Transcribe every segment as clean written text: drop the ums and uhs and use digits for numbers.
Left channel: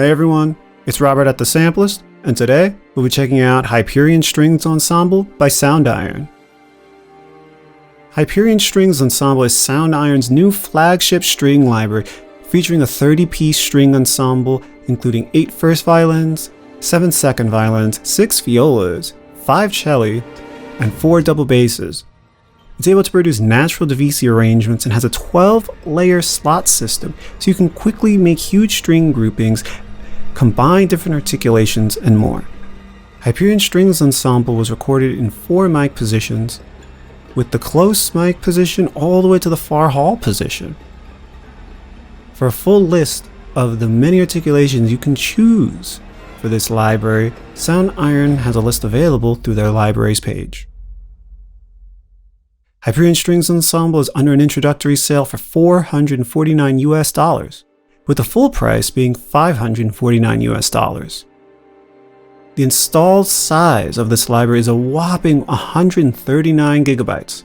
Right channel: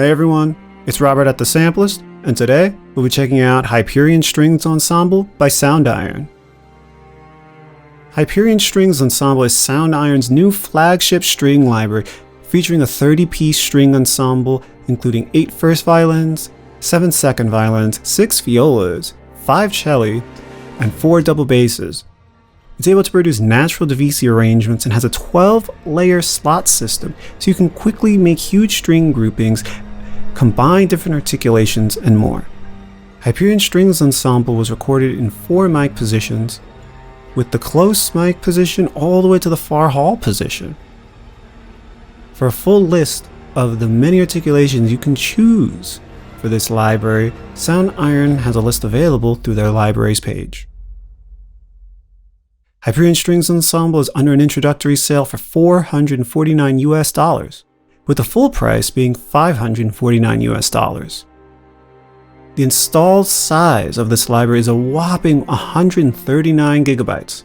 Hey everyone, it's Robert at the Sampleist, and today we'll be checking out Hyperion Strings Ensemble by Soundiron. Hyperion Strings Ensemble is Soundiron's new flagship string library featuring a 30-piece string ensemble including 8 first violins, 7 second violins, 6 violas, 5 celli, and 4 double basses. It's able to produce natural divisi arrangements and has a 12-layer slot system, so you can quickly make huge string groupings, combine different articulations, and more. Hyperion Strings Ensemble was recorded in 4 mic positions, with the close mic position all the way to the far hall position. For a full list of the many articulations you can choose for this library, Soundiron has a list available through their libraries page. Hyperion Strings Ensemble is under an introductory sale for $449 US, with the full price being $549 US. The installed size of this library is a whopping 139 gigabytes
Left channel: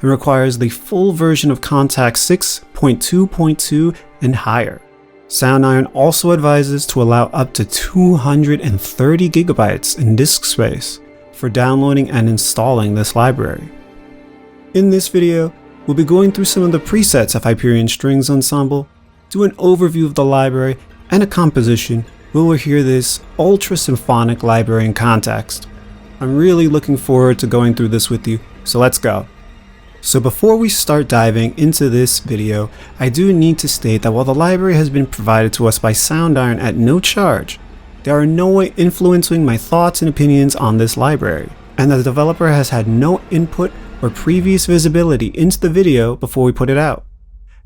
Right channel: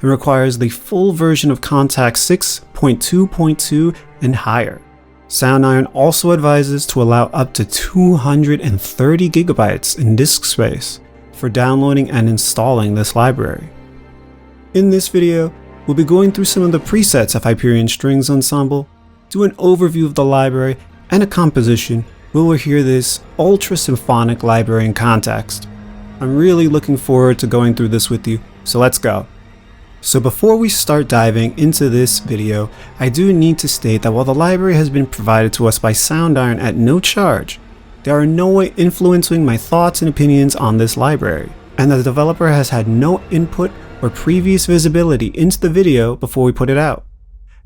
and requires the full version of Contact 6.2.2 and higher. Soundiron also advises to allow up to 230 gigabytes in disk space for downloading and installing this library. In this video, we'll be going through some of the presets of Hyperion Strings Ensemble, do an overview of the library, and a composition where we'll hear this ultra-symphonic library in context. I'm really looking forward to going through this with you, so let's go. So before we start diving into this video, I do need to state that while the library has been provided to us by Soundiron at no charge, there are no way influencing my thoughts and opinions on this library, and the developer has had no input or previous visibility into the video before we put it out.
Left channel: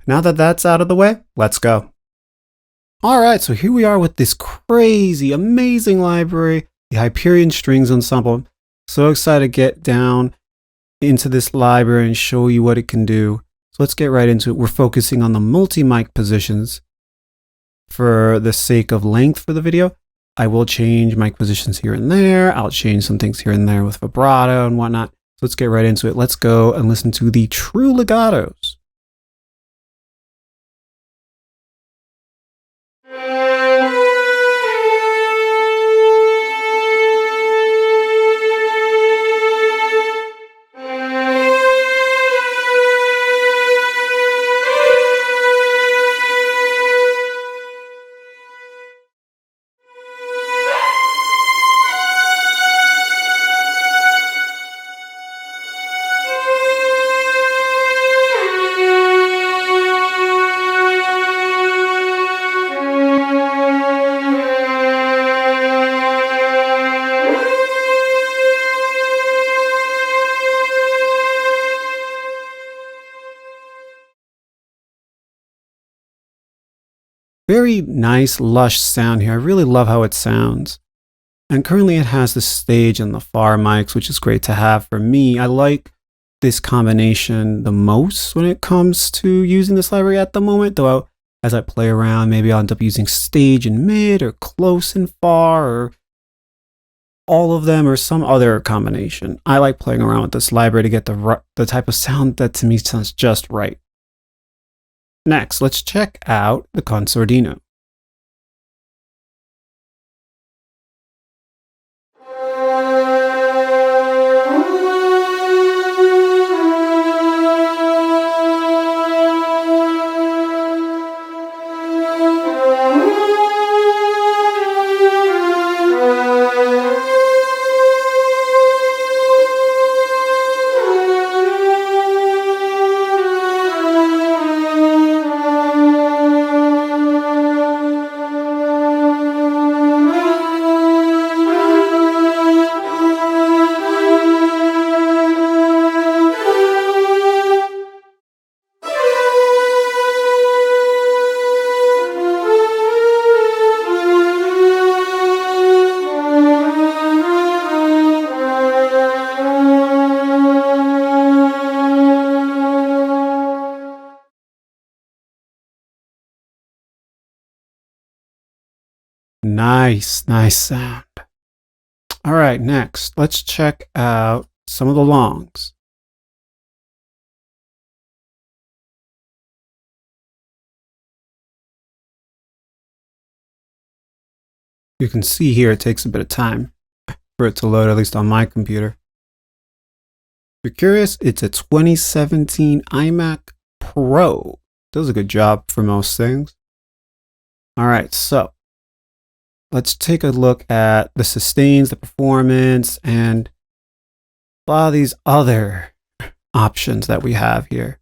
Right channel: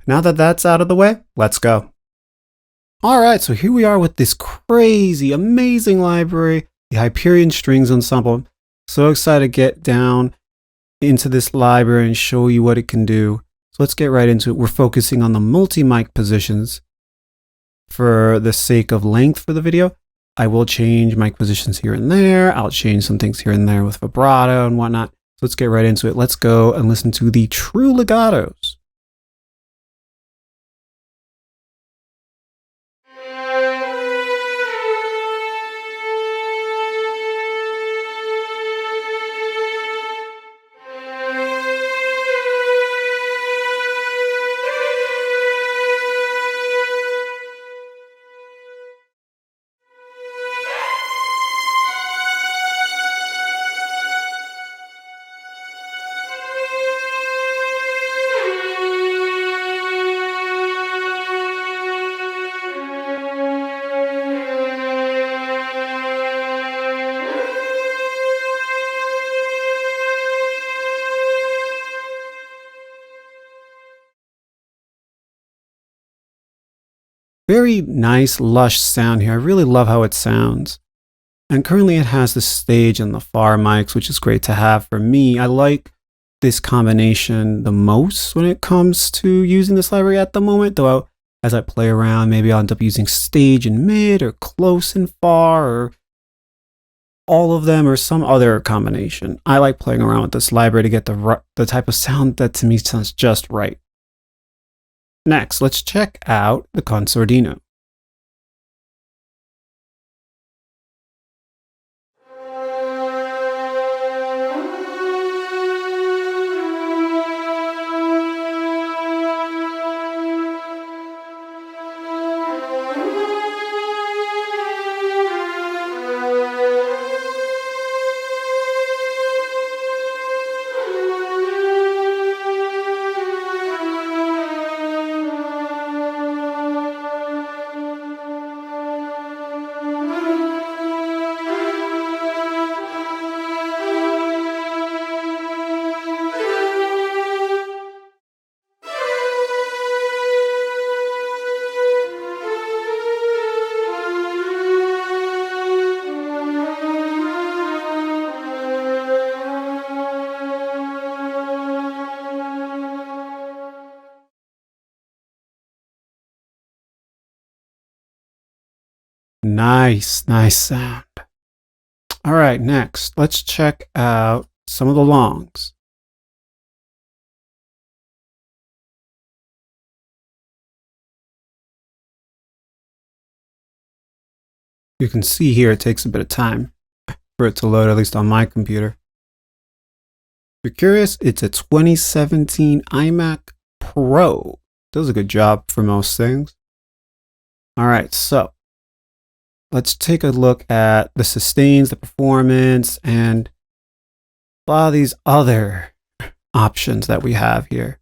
Now that that's out of the way, let's go. Alright, so here we are with this crazy, amazing library, the Hyperion Strings Ensemble. So excited to get down into this library and show you what it can do. So let's get right into it. We're focusing on the multi-mic positions for the sake of length for the video. I will change mic positions here and there. I'll change some things here and there with vibrato and whatnot. So let's get right into it. Let's go and listen to the true legatos. Very nice, lush sound here. I really love how it sounds. And currently it has the stage and the far mics, which is great to have for me. I like this combination the most when it comes to using this library at the moment, though as I play around, maybe I'll end up using stage and mid, or close and far, or all of them, or some other combination. I like playing around with this library to get the type of sound that to me sounds just right. Next, let's check out the concertino. Nice sound. All right, next, let's check out some of the longs. You can see here it takes a bit of time for it to load, at least on my computer. If you're curious, it's a 2017 iMac Pro. Does a good job for most things. All right, so let's take a look at the sustains, the performance, and a lot of these other options that we have here.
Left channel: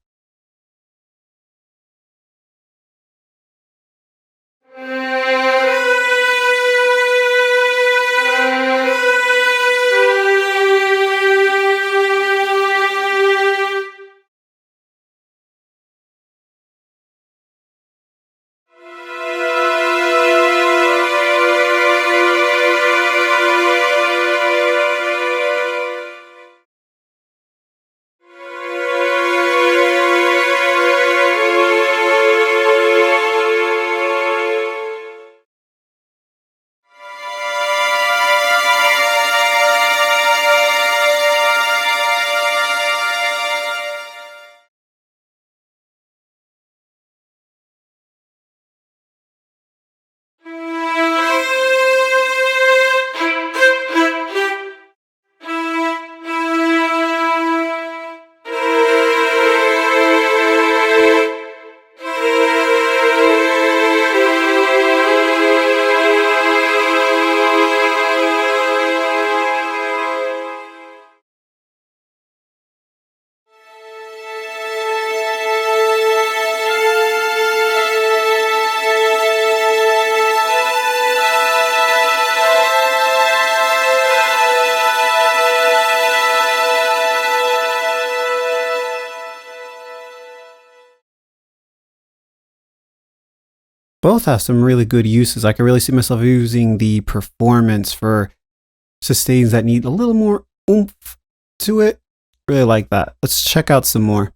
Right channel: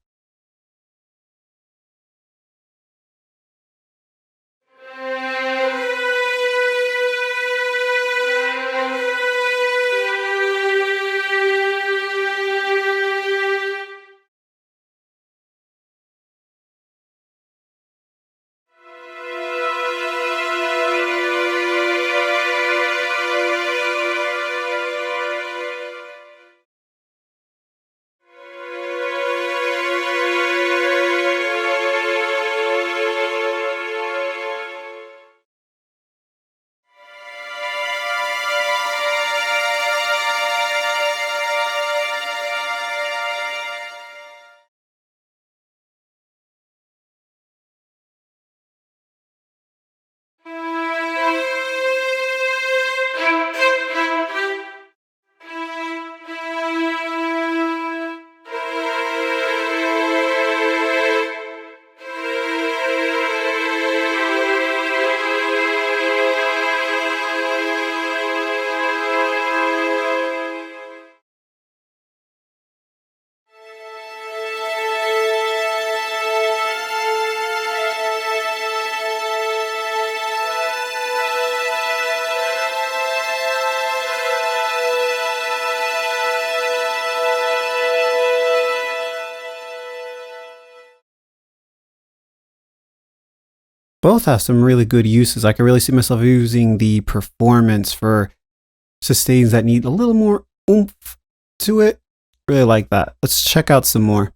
Both have some really good uses. I can really see myself using the performance for sustains that need a little more oomph to it. Really like that. Let's check out some more.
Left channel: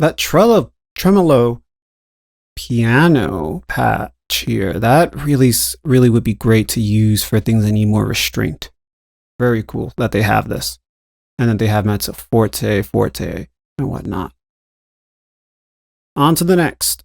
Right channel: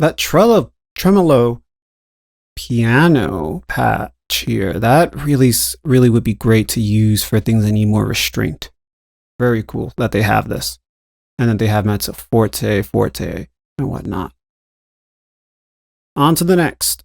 That tremolo piano patch here, that really would be great to use for things that need more restraint. Very cool that they have this. And then they have mezzo forte, forte, and whatnot. On to the next.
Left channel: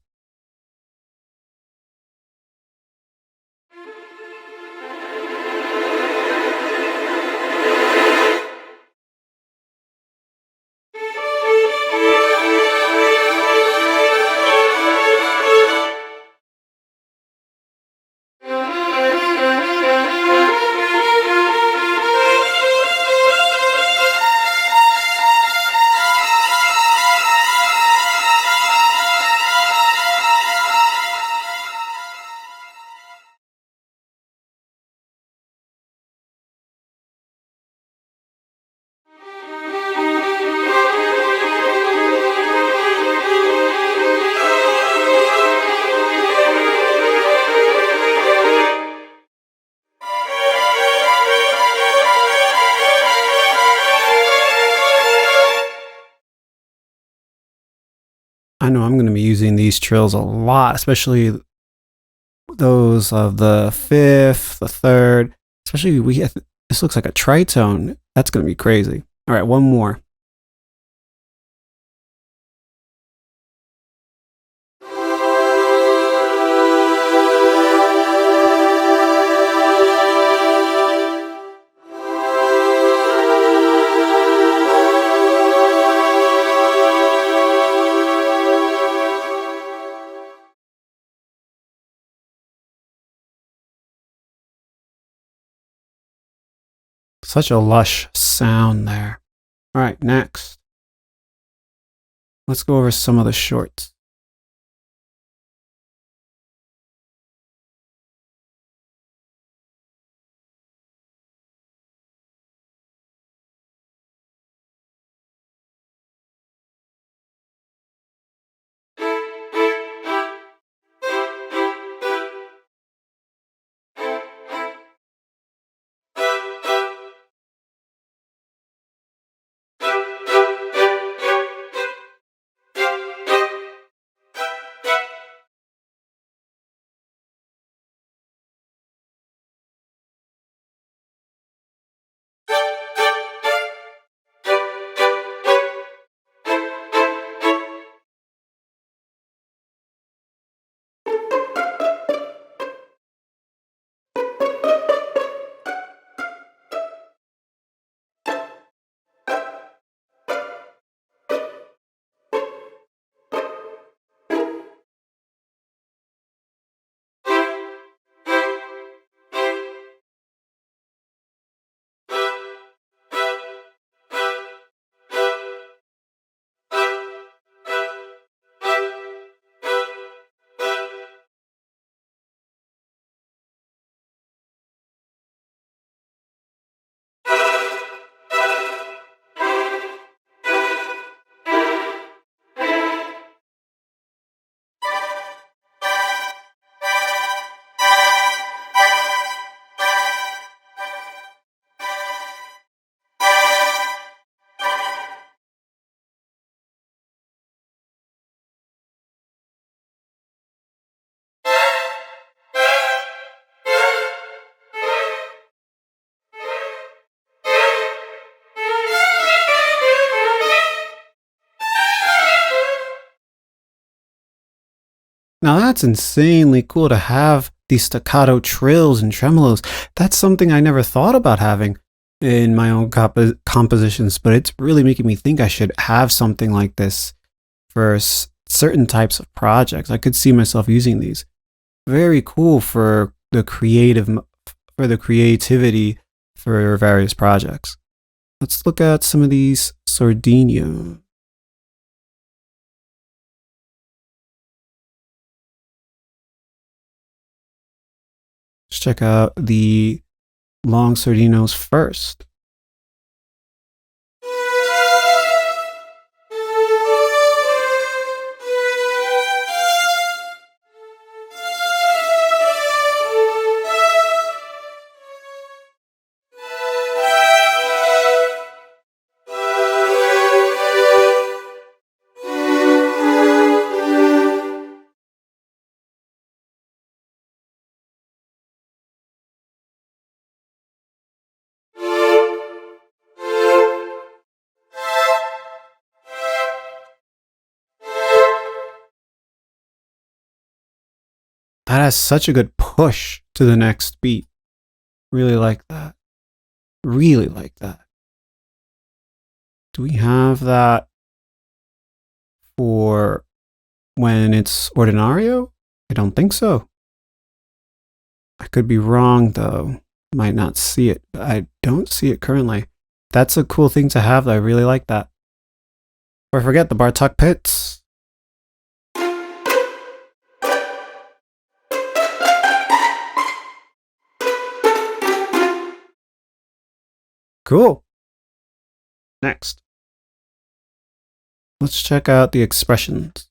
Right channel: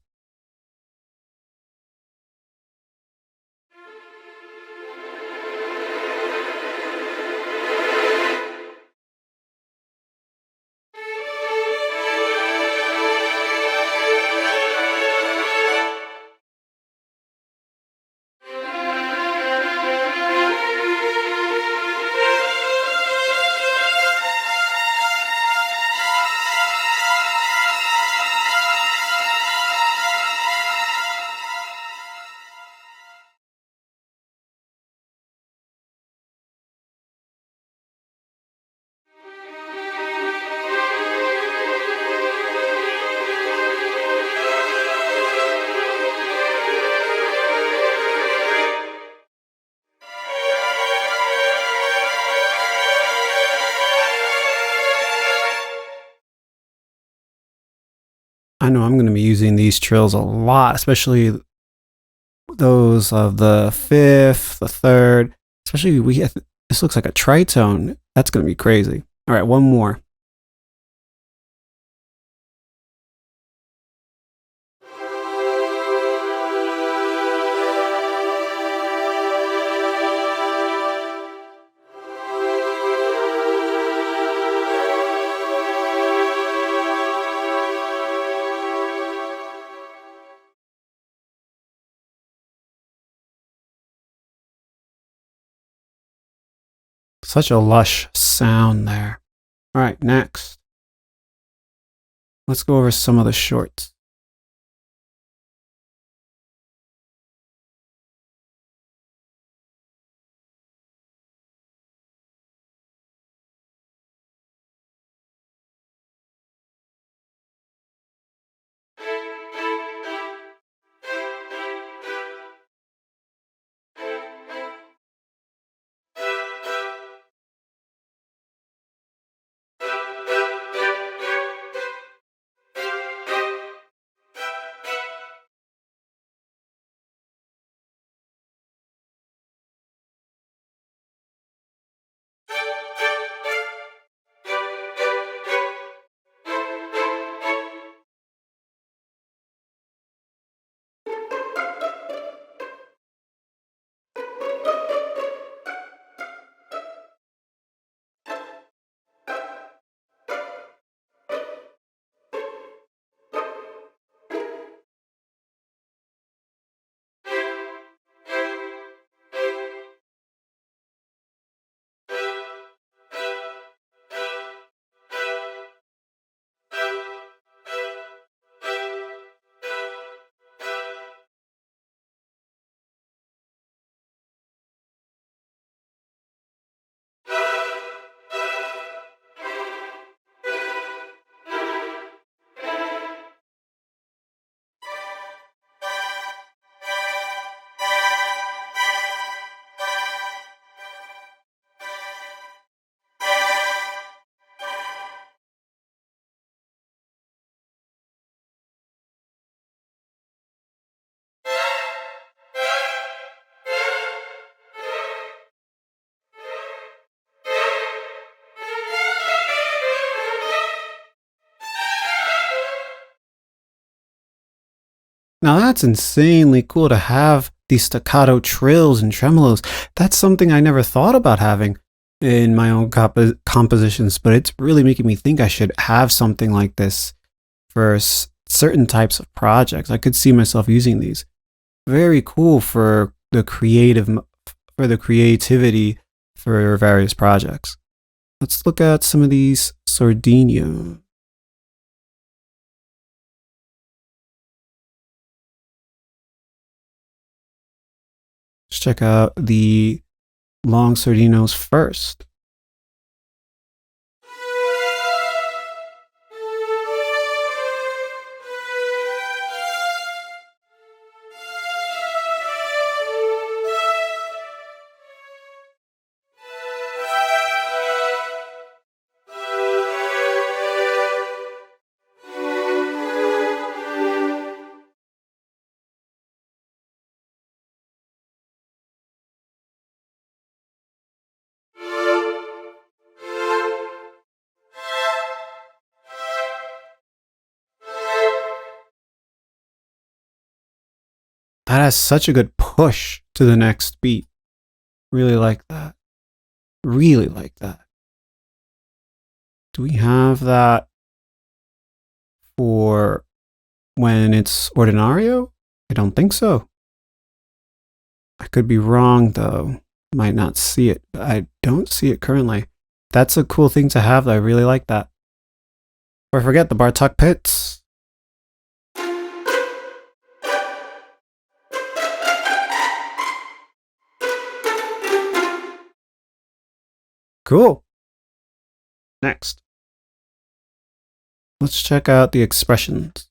I know I'm going to be using these trills a lot, especially those of the fifth, the third, especially this looks like a tritone. That's going to be crazy. All right, one more. Such a lush sound there. All right, next. Let's go over some of the shorts. Now that's insanely cool to have these staccato trills and tremolos. That's something I never thought about having in my own compositions, but it's really making me think I should have something like this for certain types of projects. I could see myself using these. Very cool for the creativity for various projects. Let's look at some of these sordino. Let's check out the long sordinos first. That has such a good push to the next beat. Really like that. Really like that. Do we have that for when it's ordinario? I don't think so. I could be wrong though. Might not see it, but I don't see it currently. That's a cool thing to have though. I really like that. Or forget the Bartok pits. Cool. Next. Let's check out the expressions.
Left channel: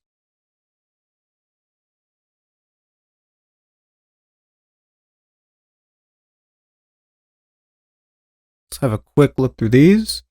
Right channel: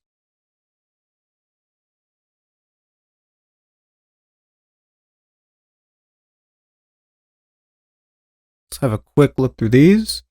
Let's have a quick look through these.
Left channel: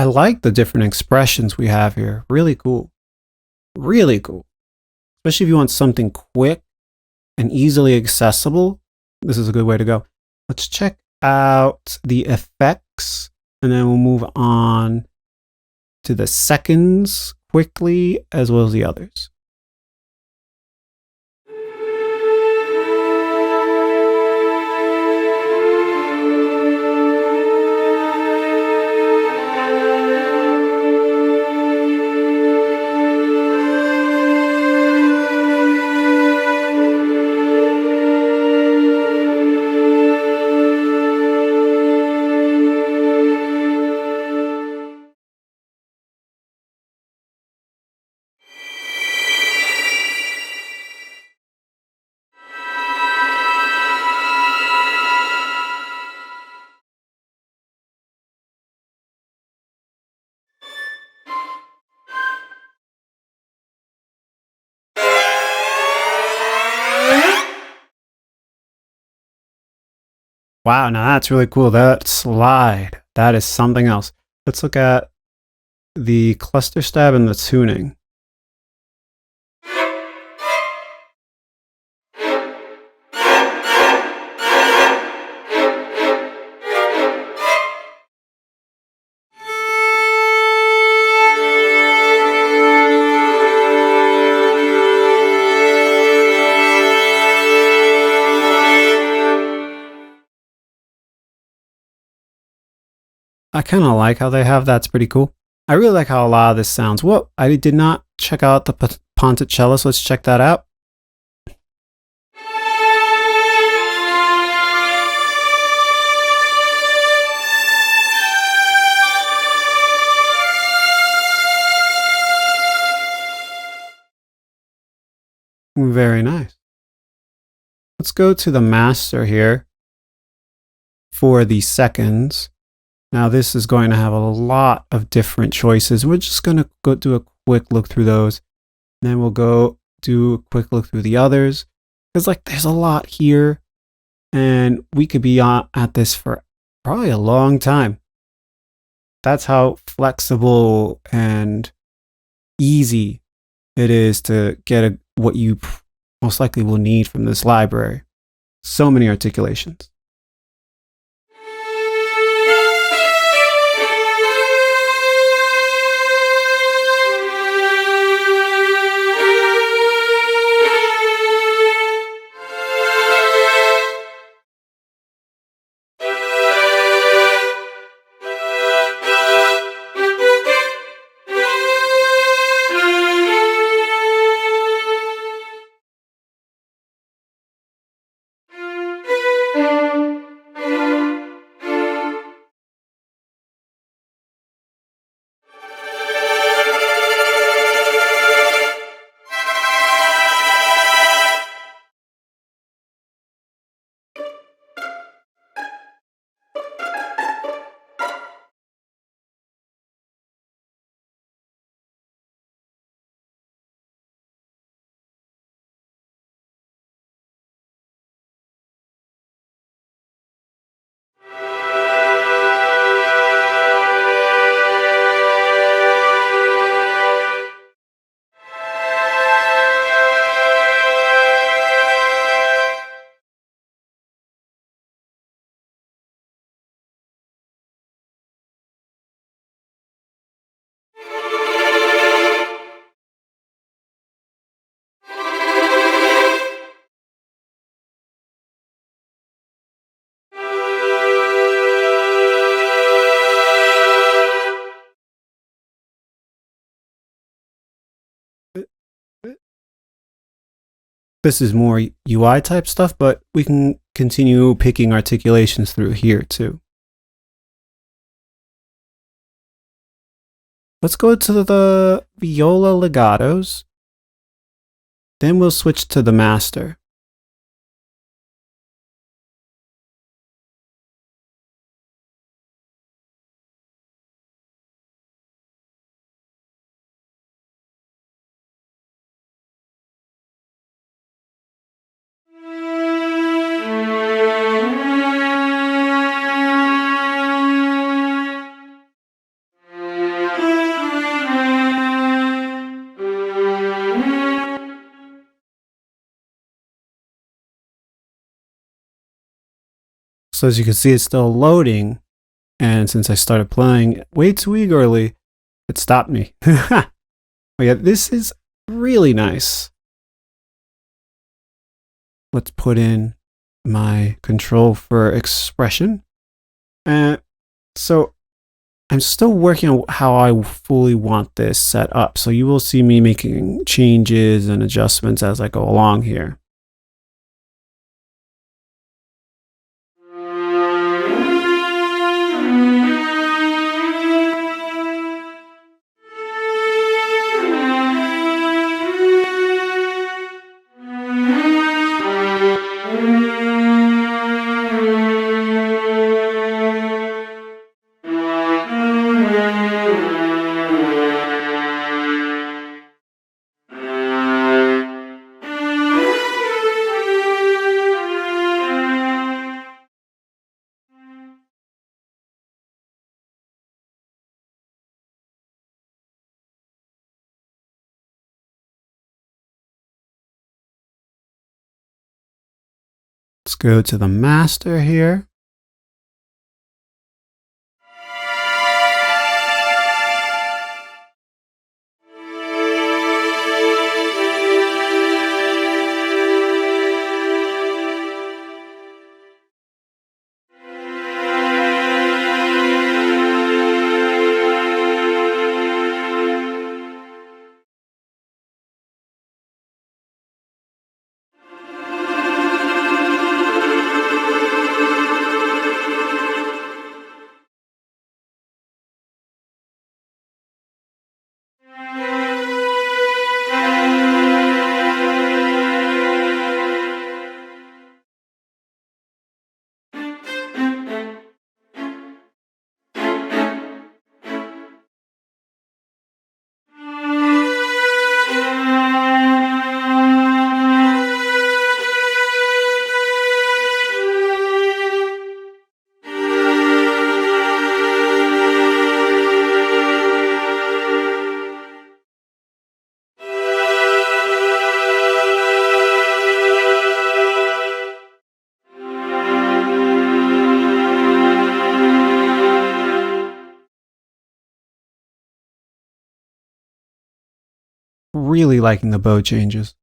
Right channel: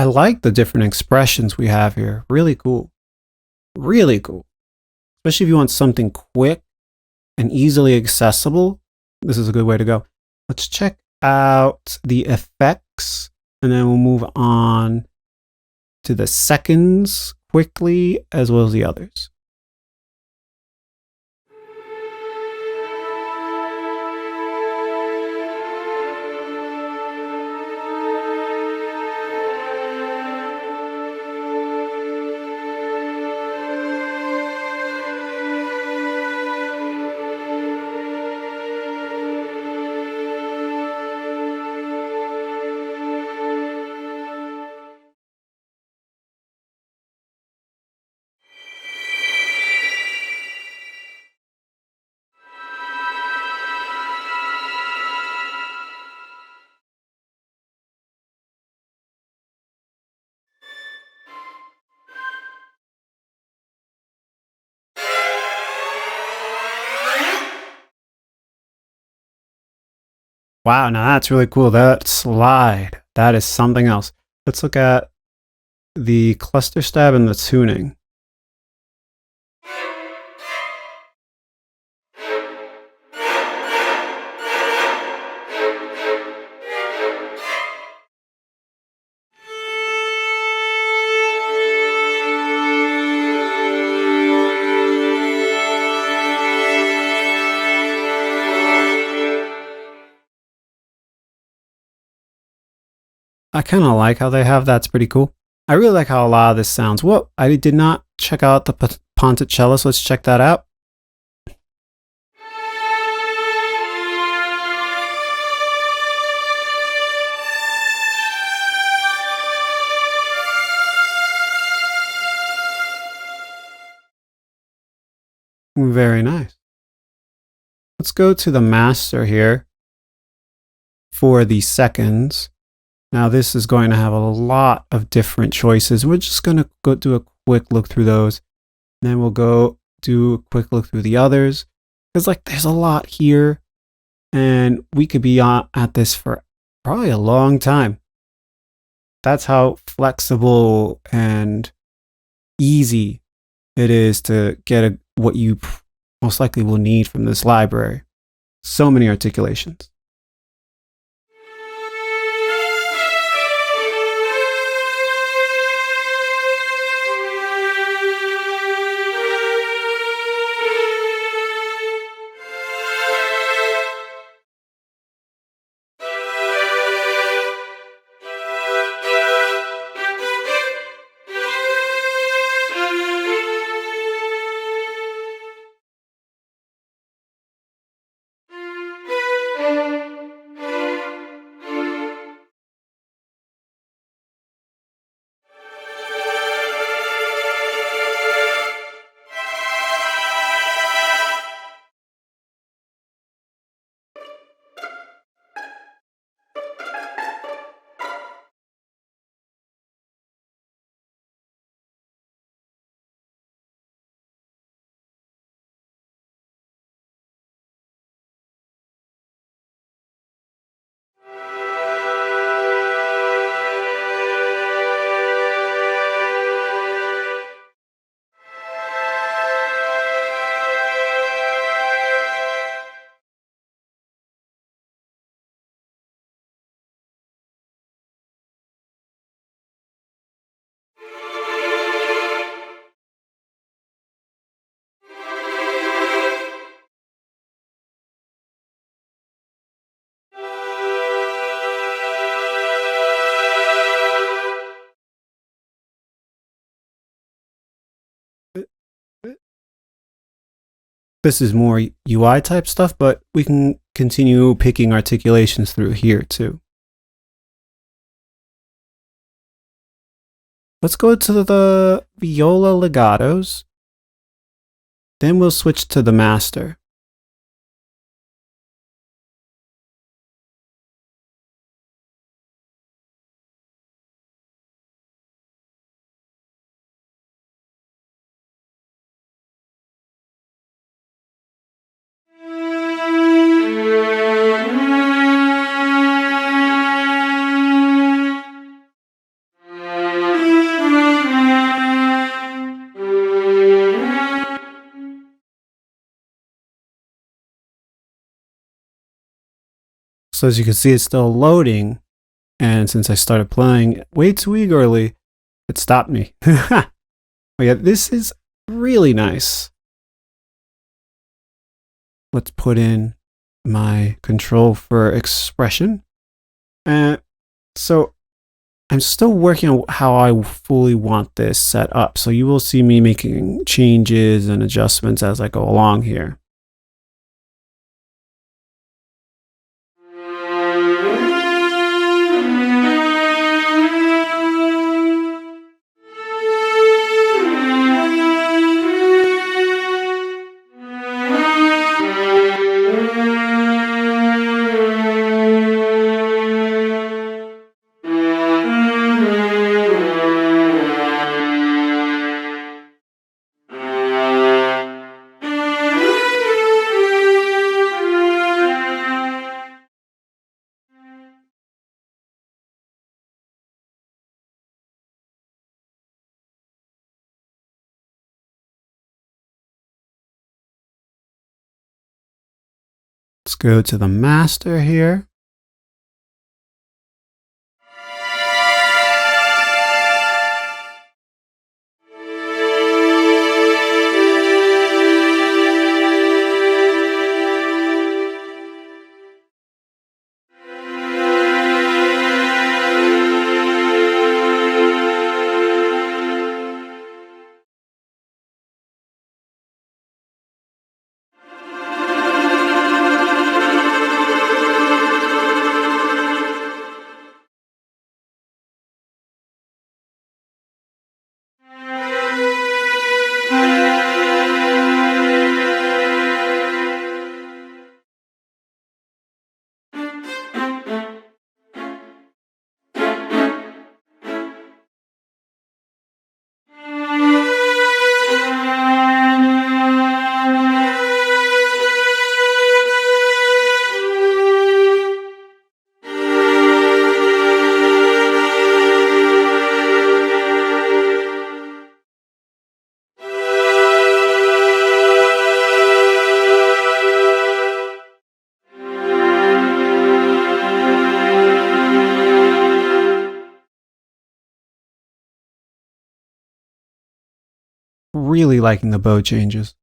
I like the different expressions we have here. Really cool. Really cool. Especially if you want something quick and easily accessible. This is a good way to go. Let's check out the effects and then we'll move on to the seconds quickly as well as the others. Wow, now that's really cool. That slide, that is something else. Let's look at the cluster stab and the tuning. I kind of like how they have that's pretty cool. I really like how a lot of this sounds. Whoa, I did not check out the Ponticello, so let's check that out. Very nice. Let's go to the master here for the seconds. Now this is going to have a lot of different choices. We're just going to go do a quick look through those. And then we'll go do a quick look through the others. Because like there's a lot here. And we could be at this for probably a long time. That's how flexible and easy it is to get what you most likely will need from this library. So many articulations. This is more UI type stuff, but we can continue picking articulations through here too. Let's go to the viola legatos. Then we'll switch to the master. So as you can see, it's still loading. And since I started playing way too eagerly, it stopped me. But yeah, this is really nice. Let's put in my control for expression. So I'm still working on how I fully want this set up. So you will see me making changes and adjustments as I go along here. Let's go to the master here. Really liking the bow changes.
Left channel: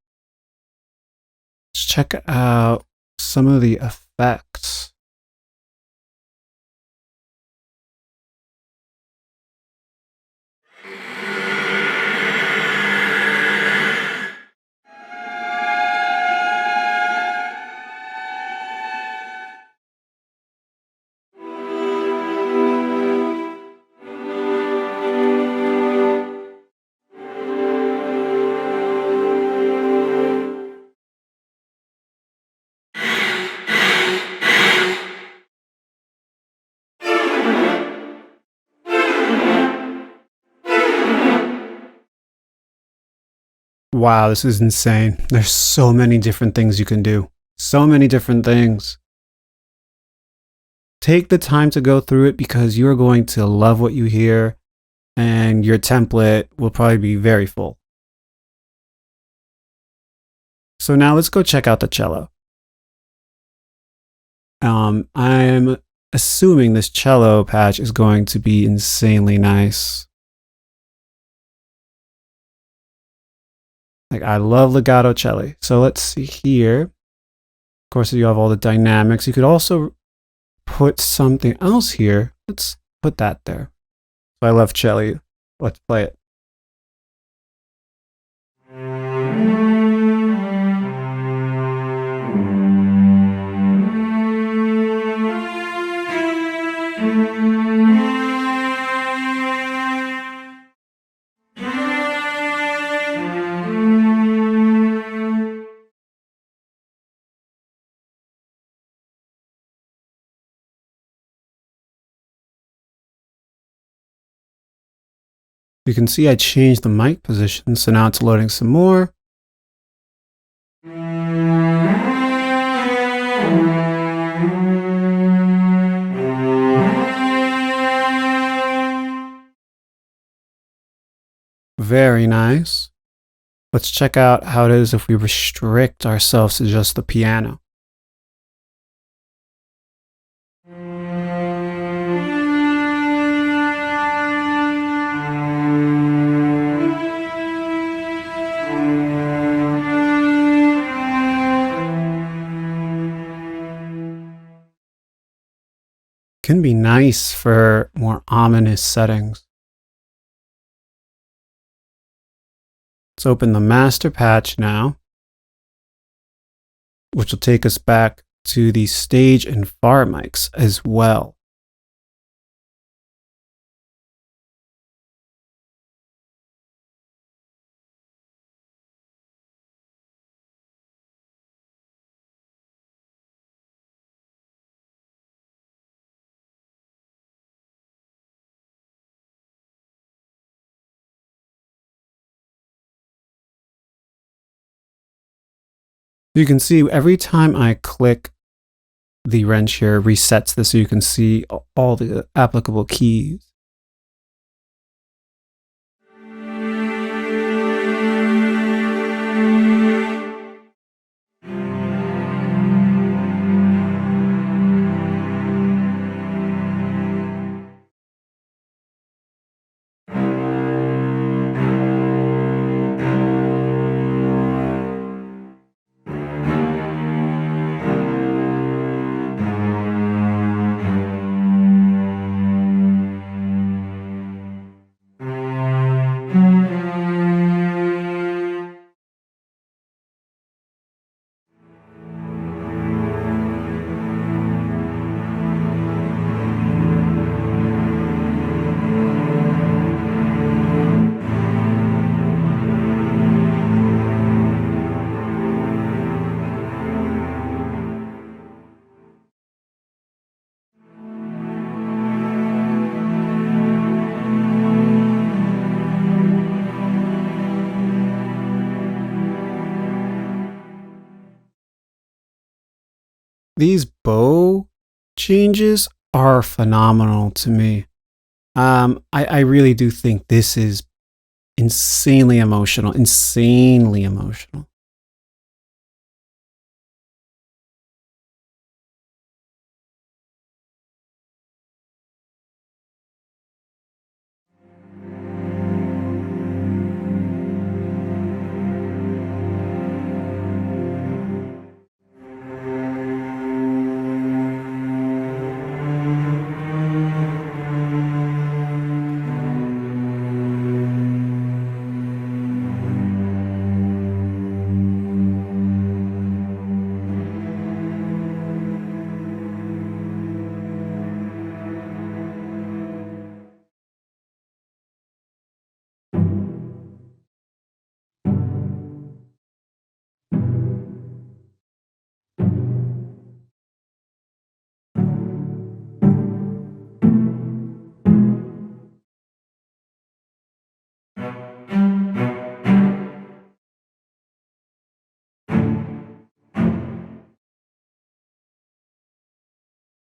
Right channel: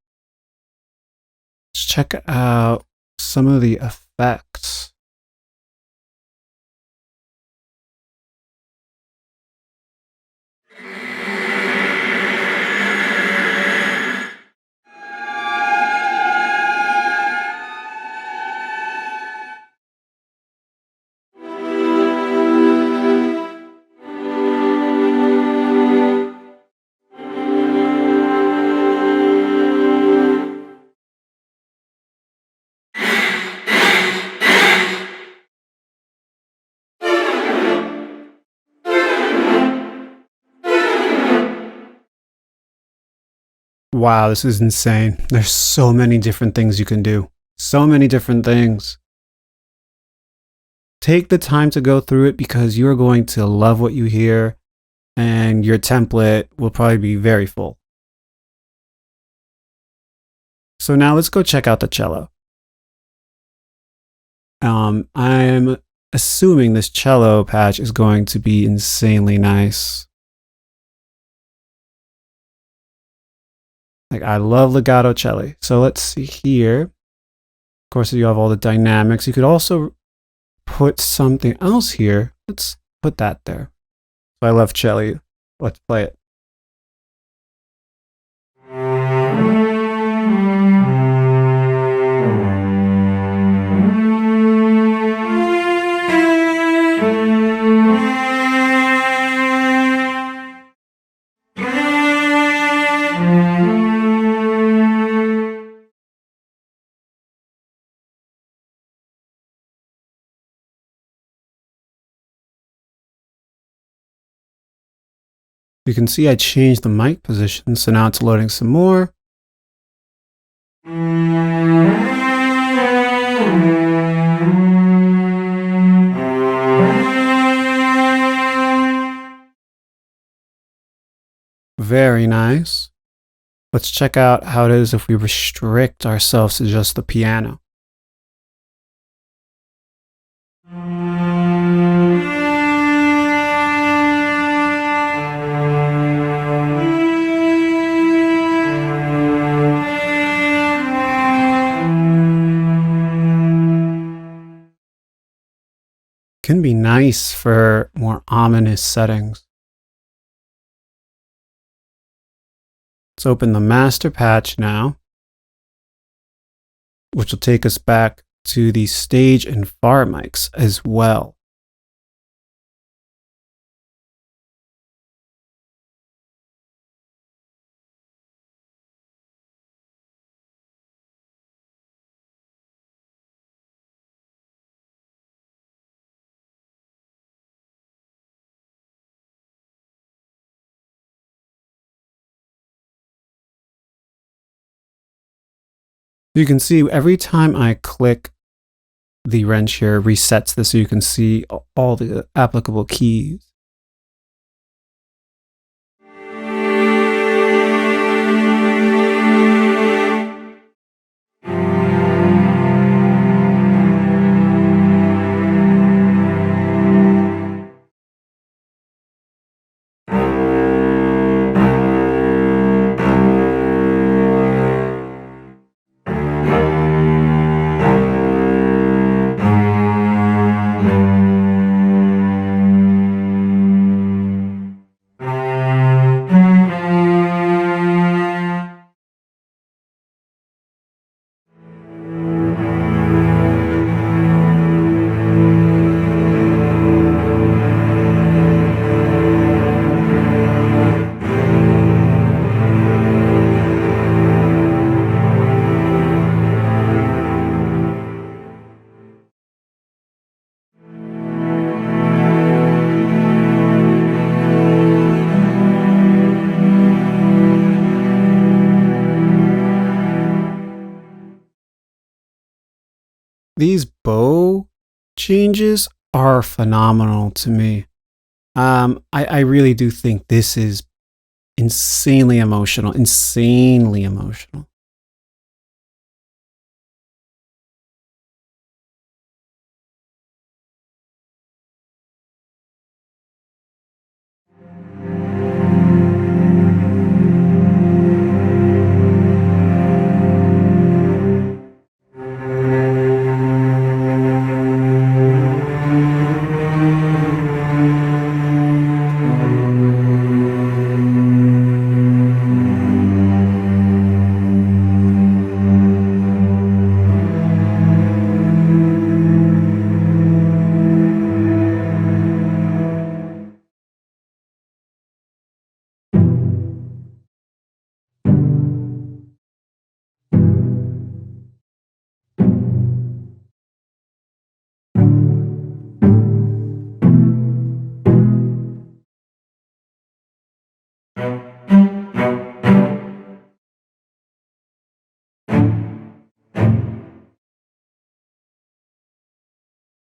Let's check out some of the effects. Wow, this is insane. There's so many different things you can do. So many different things. Take the time to go through it because you're going to love what you hear and your template will probably be very full. So now let's go check out the cello. I'm assuming this cello patch is going to be insanely nice. Like, I love legato cello. So let's see here. Of course, you have all the dynamics. You could also put something else here. Let's put that there. So I love cello. Let's play it. You can see I changed the mic position, so now it's loading some more. Very nice. Let's check out how it is if we restrict ourselves to just the piano. Can be nice for more ominous settings. Let's open the master patch now, which will take us back to the stage and far mics as well. You can see every time I click the wrench here, resets this so you can see all the applicable keys. These bow changes are phenomenal to me. I really do think this is insanely emotional, insanely emotional.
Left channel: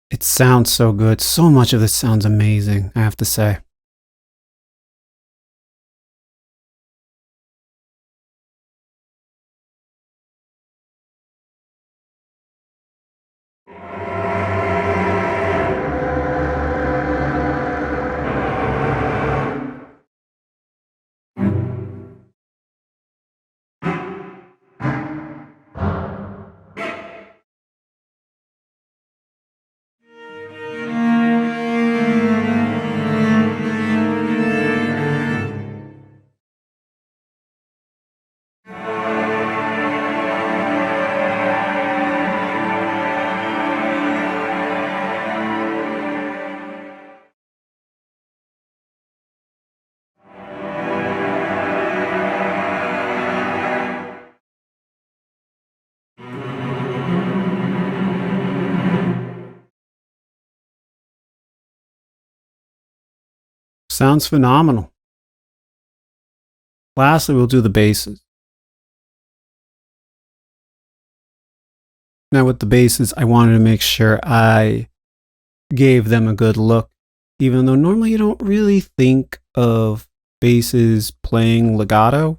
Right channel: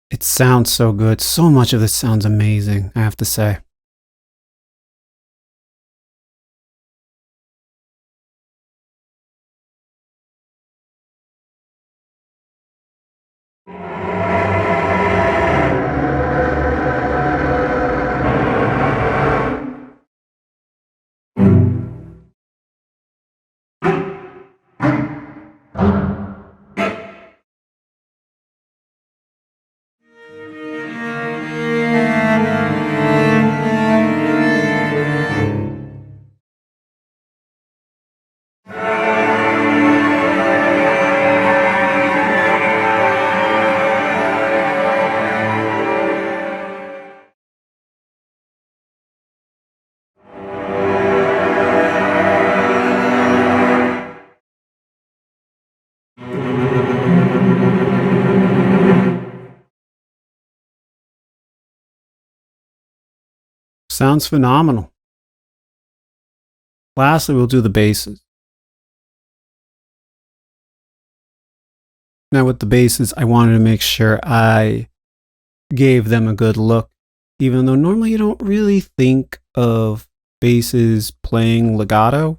It sounds so good. So much of this sounds amazing, I have to say. Sounds phenomenal. Lastly, we'll do the basses. Now with the basses, I wanted to make sure I gave them a good look, even though normally you don't really think of basses playing legato.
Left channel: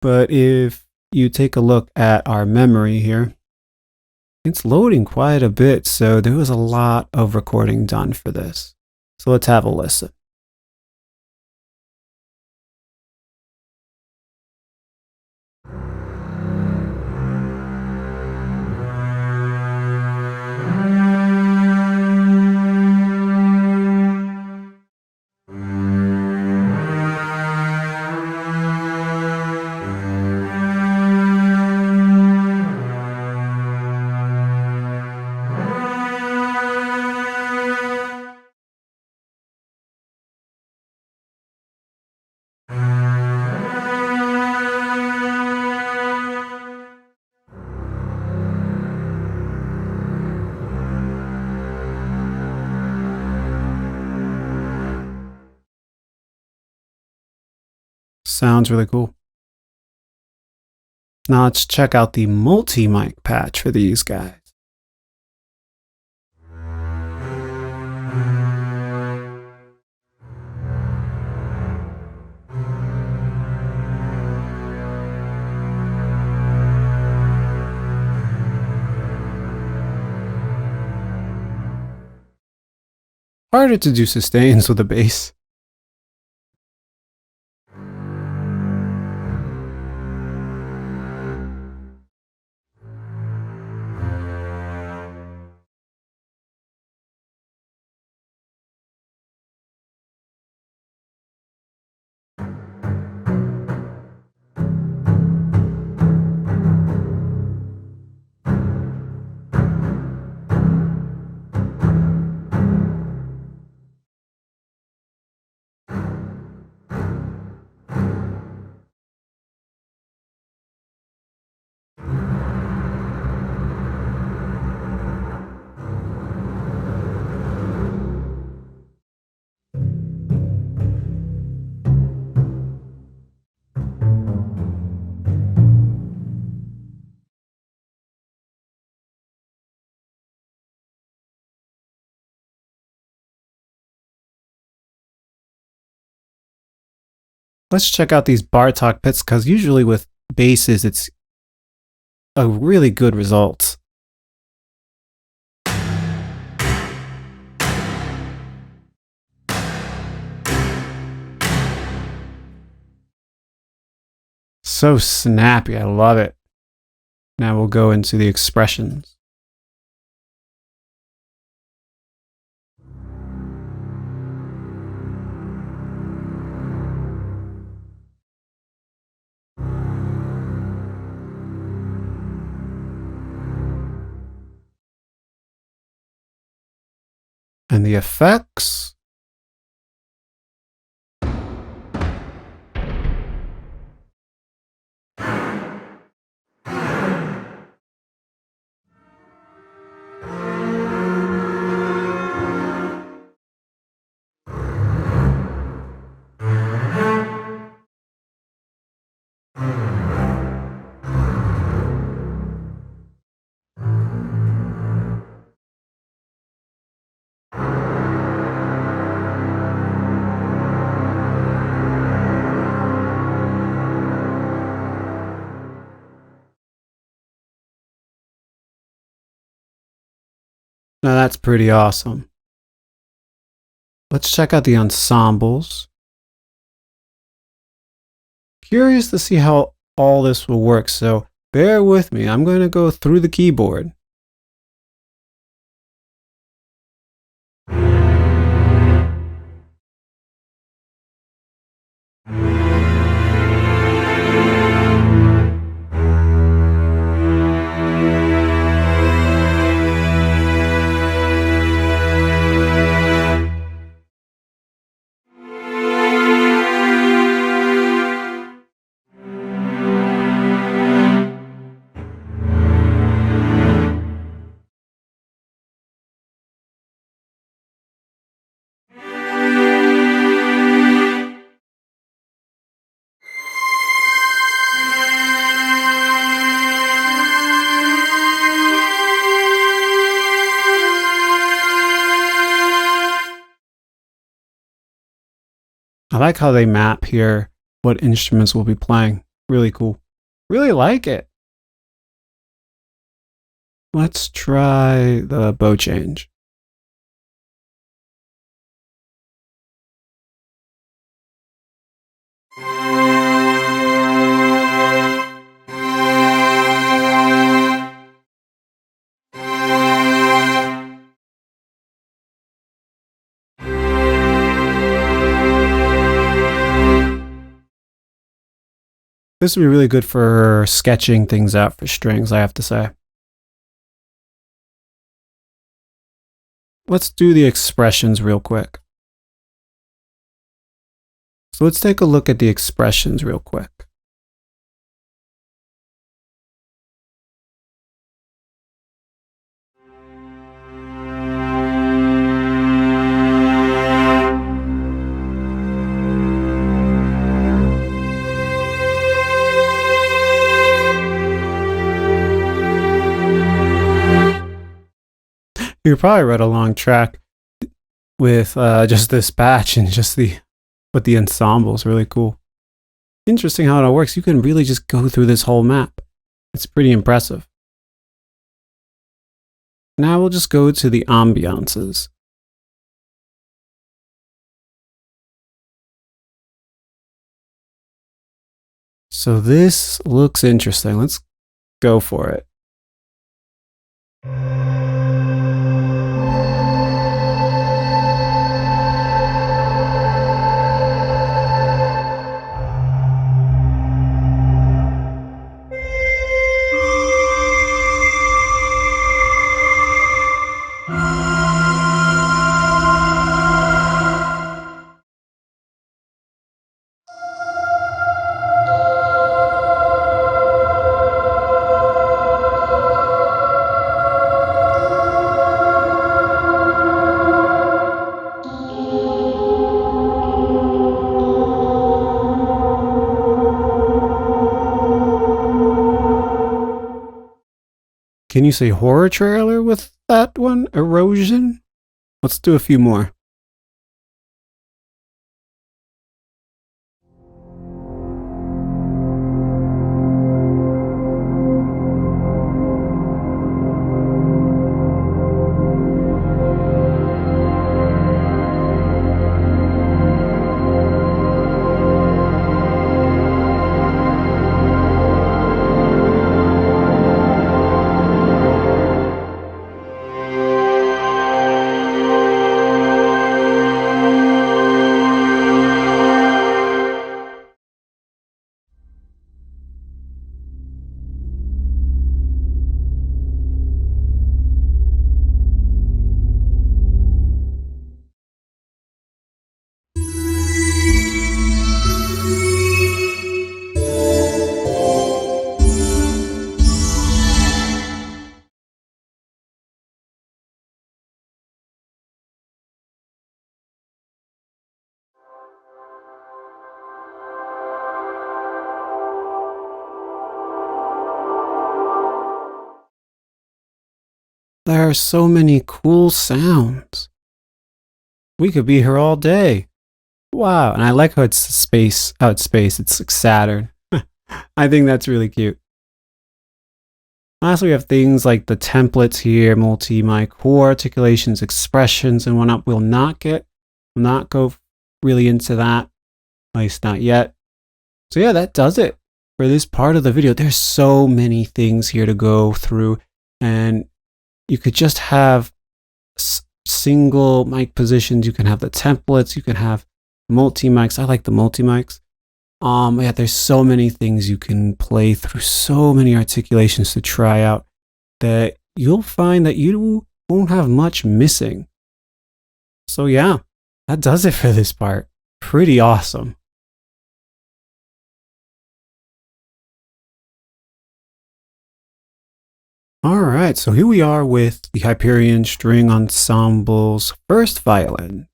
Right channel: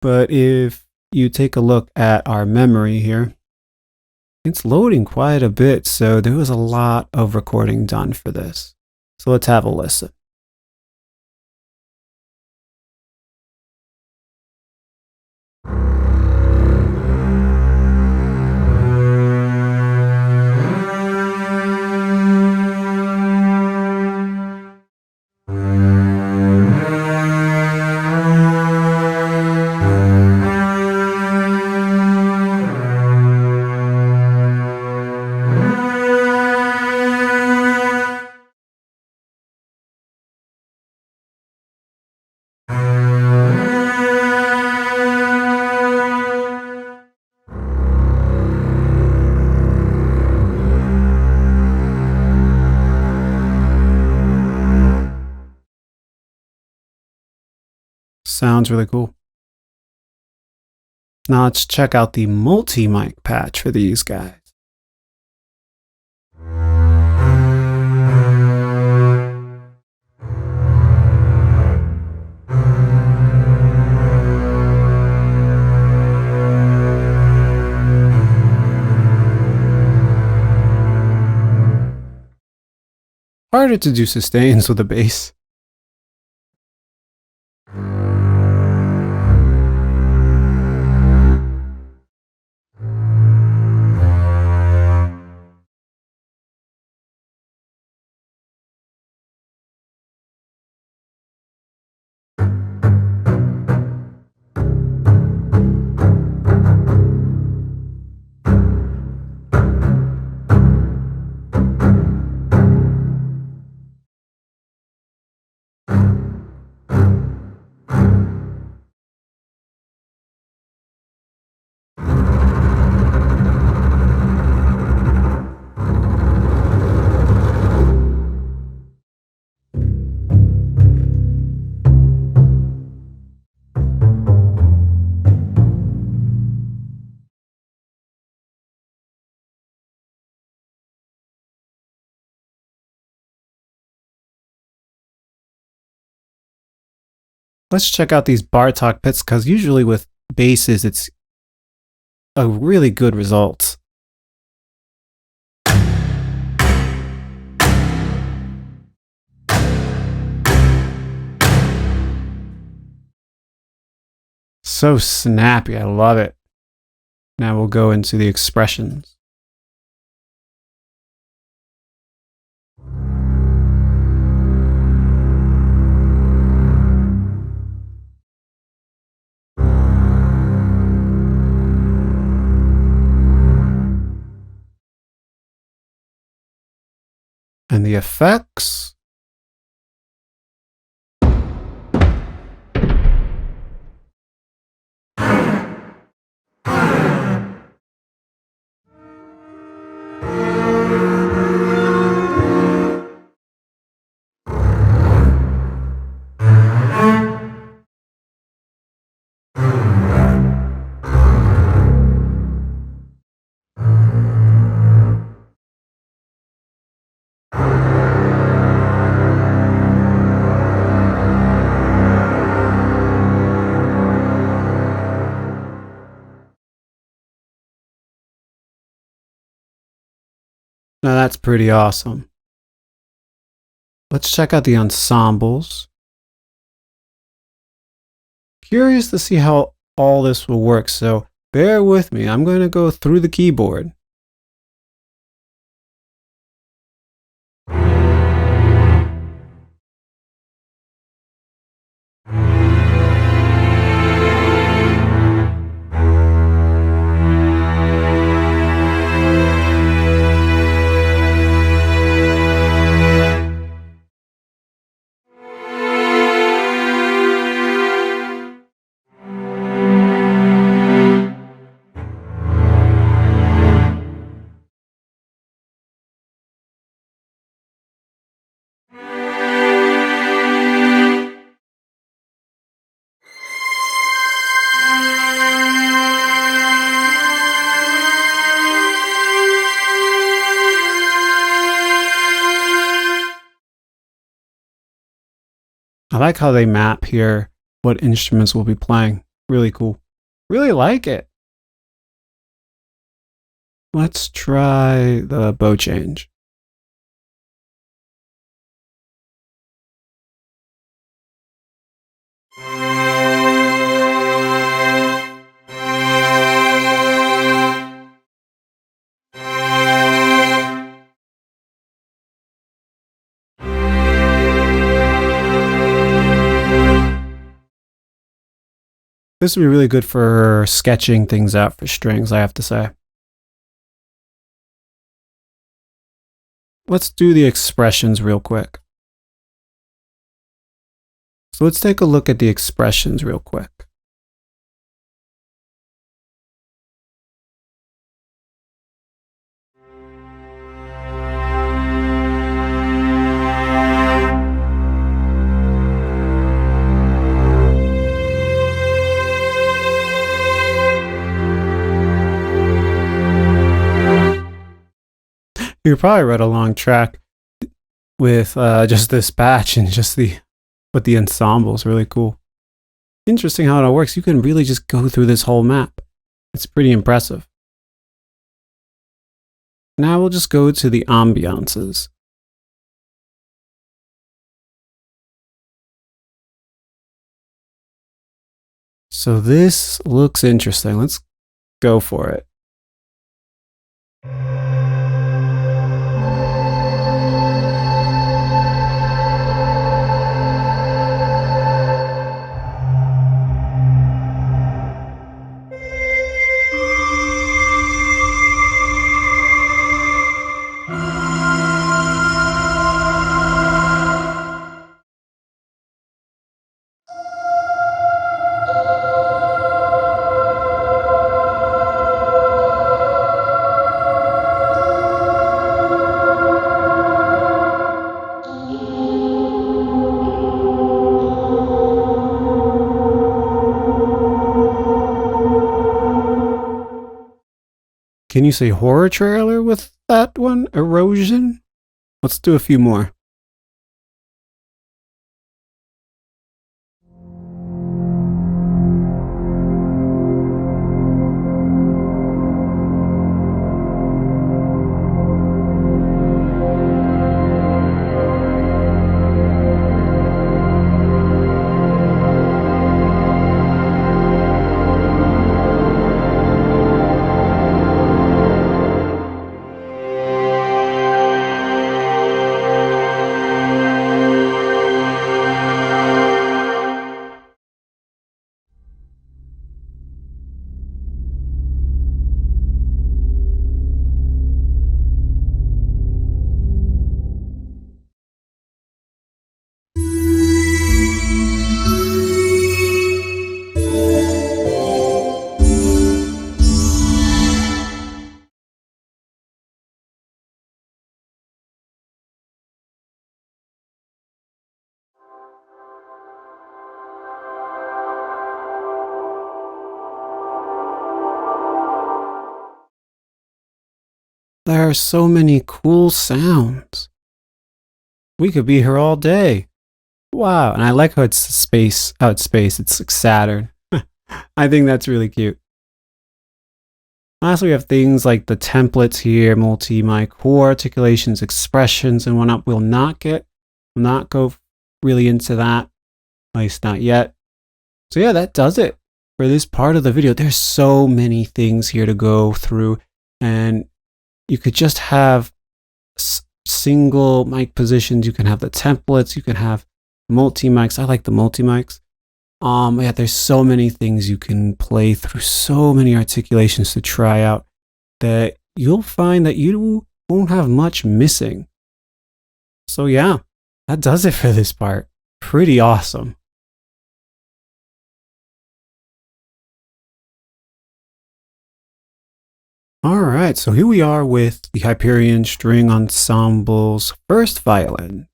But if you take a look at our memory here, it's loading quite a bit, so there was a lot of recording done for this. So let's have a listen. Sounds really cool. Now let's check out the multi-mic patch for these guys. Harder to do sustains with a bass. Let's check out these Bartok picks, because usually with basses, it's a really good result. So snappy, I love it. Now we'll go into the expressions. And the effects. Now that's pretty awesome. Let's check out the ensembles. Curious to see how all this will work, so bear with me. I'm going to go through the keyboard. I like how they map here what instruments we'll be playing. Really cool. Really like it. Let's try the bow change. This would be really good for sketching things out for strings, I have to say. Let's do the expressions real quick. So let's take a look at the expressions real quick. You could probably write a long track with just this batch and just the ensemble is really cool. Interesting how it all works. You can really just go through this whole map. It's pretty impressive. Now we'll just go to the ambiances. So this looks interesting. Let's go for it. Can you say horror trailer with that one? Erosion? Let's do a few more. There are so many cool sounds. We could be here all day. Wow, and I like how it's space. It's like Saturn. I think that's really cute. Lastly, we have things like the templates here, multi-mic, core articulations, expressions, and whatnot. We'll not go really into that, at least not yet. So yeah, that does it for this part of the video. There's so many things here to go through, and you could just have single mic positions. You can have the templates. You can have multi-mics. I like the multi-mics. Yeah, there's so many things you can play through, so many articulations to try out that you'll find that you won't have much missing. So yeah, that does it for this part. Pretty awesome. Alright, so here we are with the Hyperion String Ensemble's first violin.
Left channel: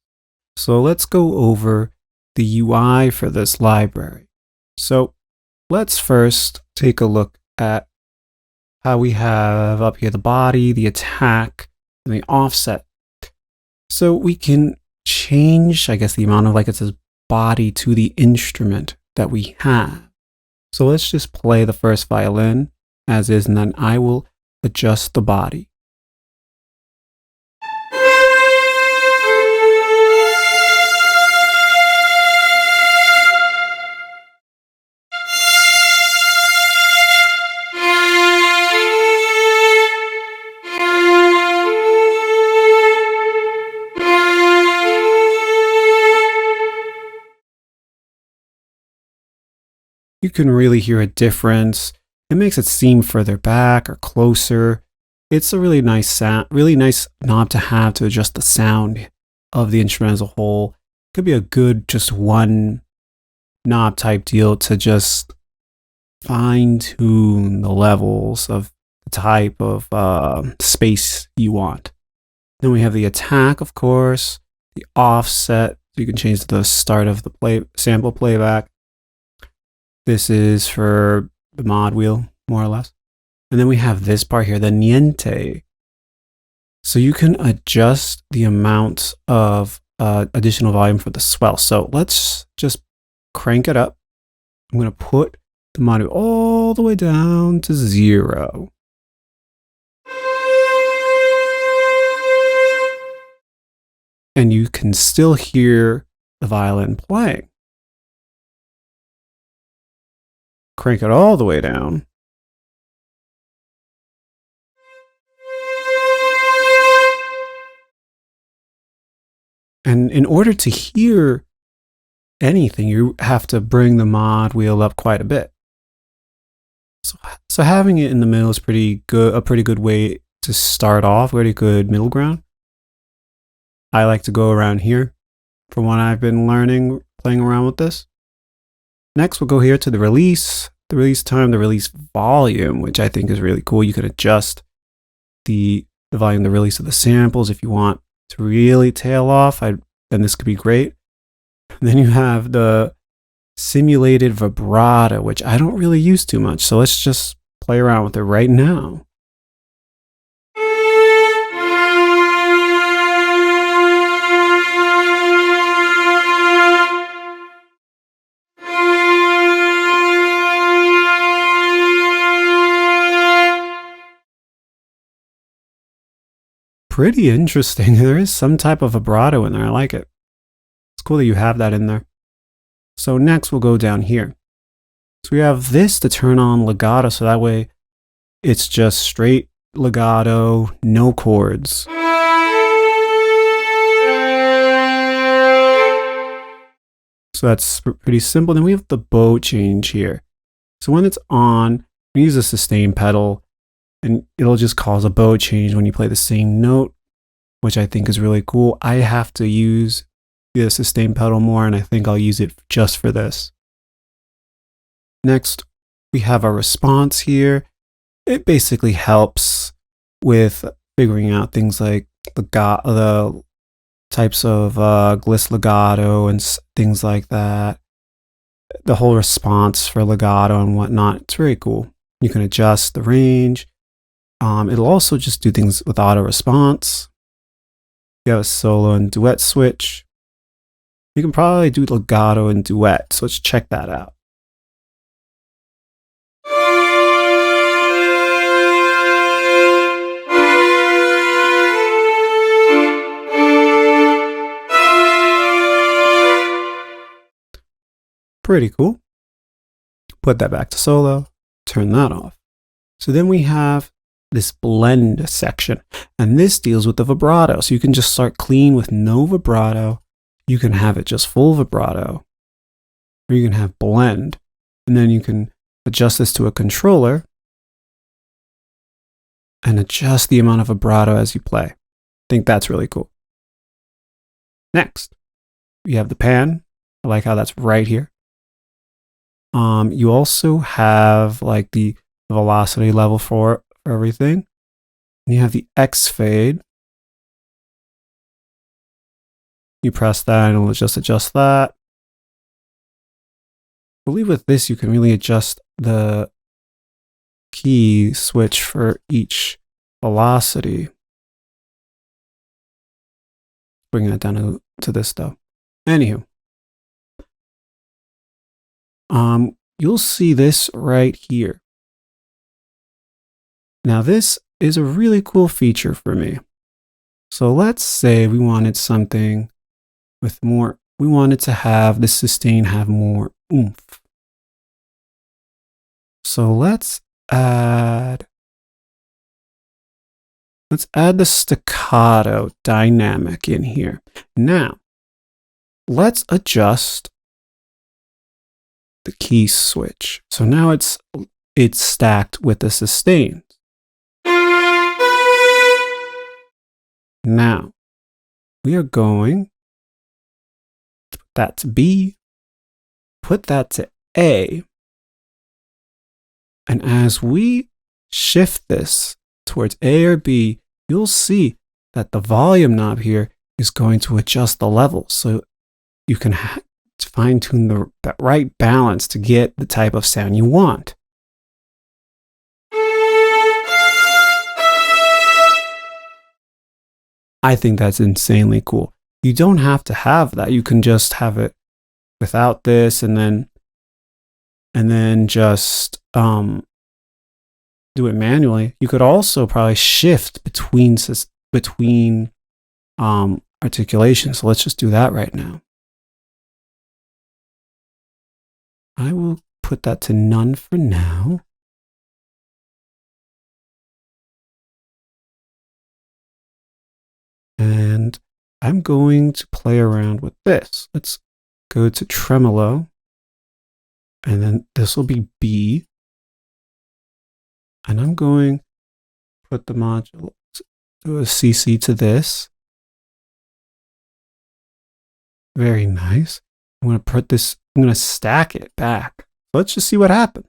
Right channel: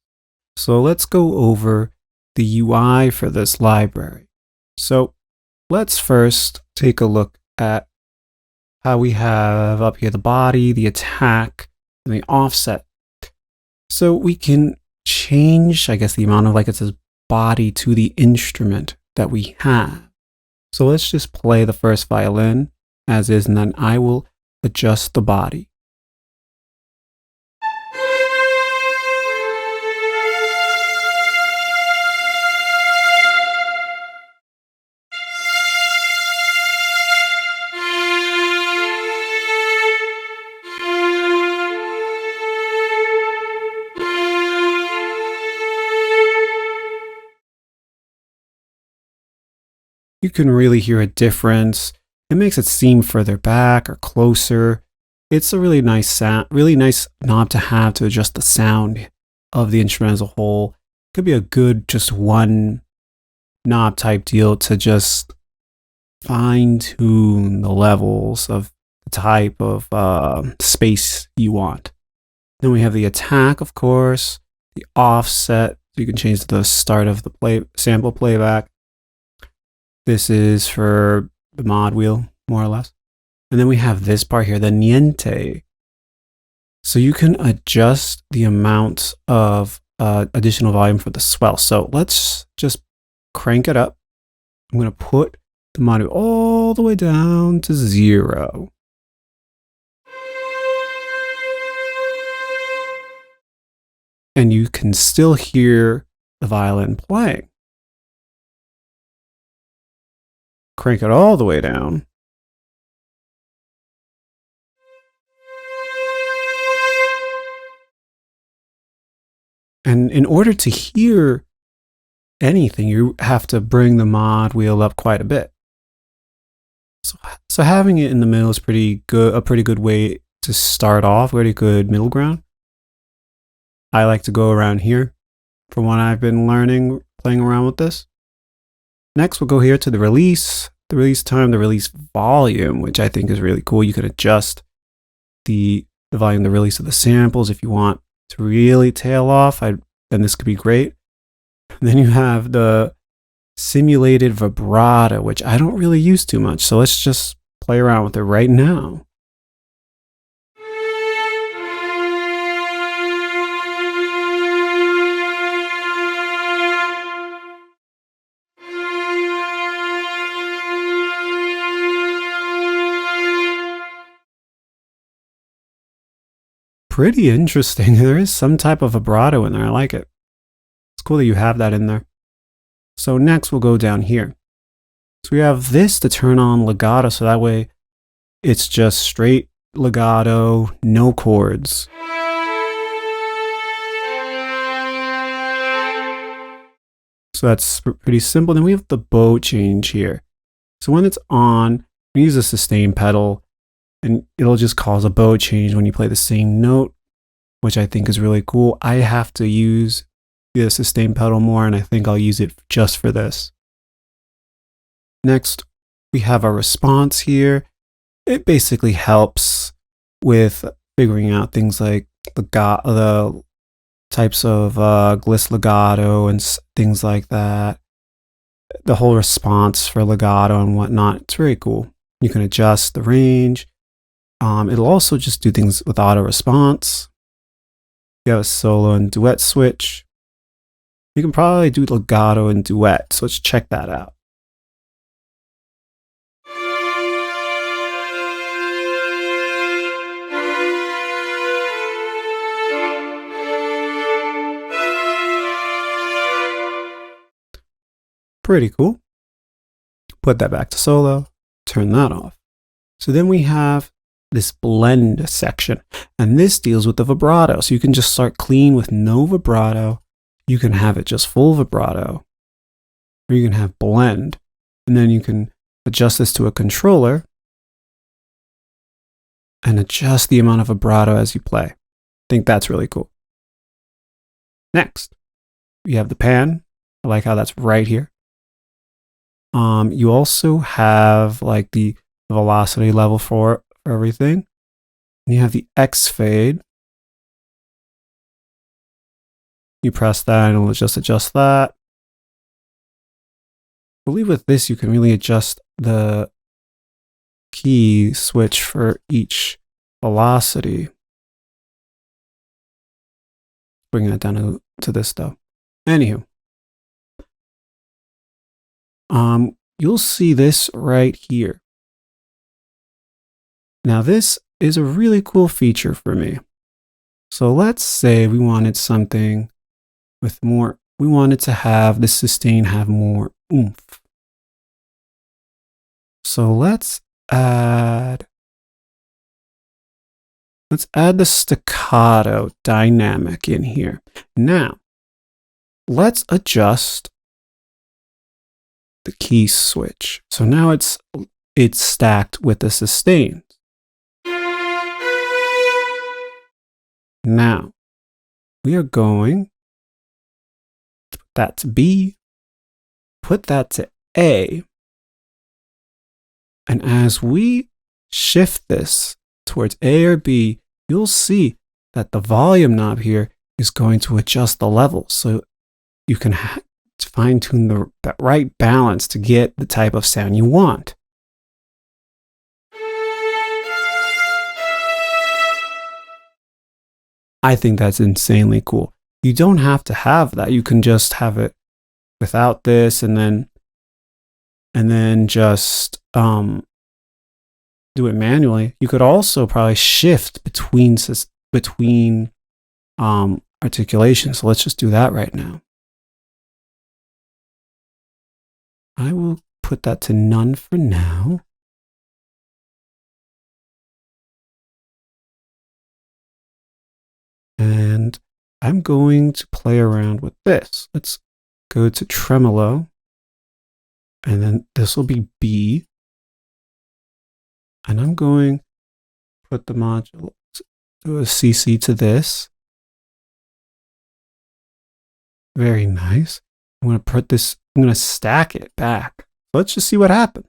So let's go over the UI for this library. So let's first take a look at how we have up here the body, the attack, and the offset. So we can change, I guess, the amount of, like it says, body to the instrument that we have. So let's just play the first violin as is, and then I will adjust the body. You can really hear a difference. It makes it seem further back or closer. It's a really nice sound, really nice knob to have to adjust the sound of the instrument as a whole. It could be a good just one knob type deal to just fine tune the levels of the type of space you want. Then we have the attack, of course, the offset. So you can change the start of the sample playback. This is for the mod wheel, more or less. And then we have this part here, the niente. So you can adjust the amount of additional volume for the swell. So let's just crank it up. I'm going to put the monitor all the way down to 0. And you can still hear the violin playing. Crank it all the way down. And in order to hear anything, you have to bring the mod wheel up quite a bit. So having it in the middle is pretty good, a pretty good way to start off, pretty good middle ground. I like to go around here from what I've been learning, playing around with this. Next, we'll go here to the release time, the release volume, which I think is really cool. You can adjust the volume, the release of the samples if you want to really tail off. Then this could be great. And then you have the simulated vibrato, which I don't really use too much. So let's just play around with it right now. Pretty interesting. There is some type of vibrato in there. I like it. It's cool that you have that in there. So next we'll go down here. So we have this to turn on legato, so that way it's just straight legato, no chords. So that's pretty simple. Then we have the bow change here. So when it's on, we use a sustain pedal, and it'll just cause a bow change when you play the same note, which I think is really cool. I have to use the sustain pedal more, and I think I'll use it just for this. Next, we have our response here. It basically helps with figuring out things like the types of gliss legato and things like that. The whole response for legato and whatnot. It's very cool. You can adjust the range. It'll also just do things with auto response. You have a solo and duet switch. You can probably do legato and duet, so let's check that out. Pretty cool. Put that back to solo, turn that off. So then we have this blend section, and this deals with the vibrato. So you can just start clean with no vibrato. You can have it just full vibrato, or you can have blend, and then you can adjust this to a controller and adjust the amount of vibrato as you play. I think that's really cool. Next, you have the pan. I like how that's right here. You also have like the velocity level for everything. And you have the X fade. You press that and it'll just adjust that. I believe with this you can really adjust the key switch for each velocity. Bring that down to this though. Anywho. You'll see this right here. Now this is a really cool feature for me. So let's say we wanted something with more, we wanted to have the sustain have more oomph. So let's add the staccato dynamic in here. Now, let's adjust the key switch. So now it's stacked with the sustain. Now we are going to put that to B, put that to A, and as we shift this towards A or B, you'll see that the volume knob here is going to adjust the level, so you can fine-tune the right balance to get the type of sound you want. I think that's insanely cool. You don't have to have that. You can just have it without this, and then just do it manually. You could also probably shift between articulation. So let's just do that right now. I will put that to none for now. And I'm going to play around with this. Let's go to tremolo. And then this will be B. And I'm going to put the module, do a CC to this. Very nice. I'm going to put this, I'm going to stack it back. Let's just see what happens.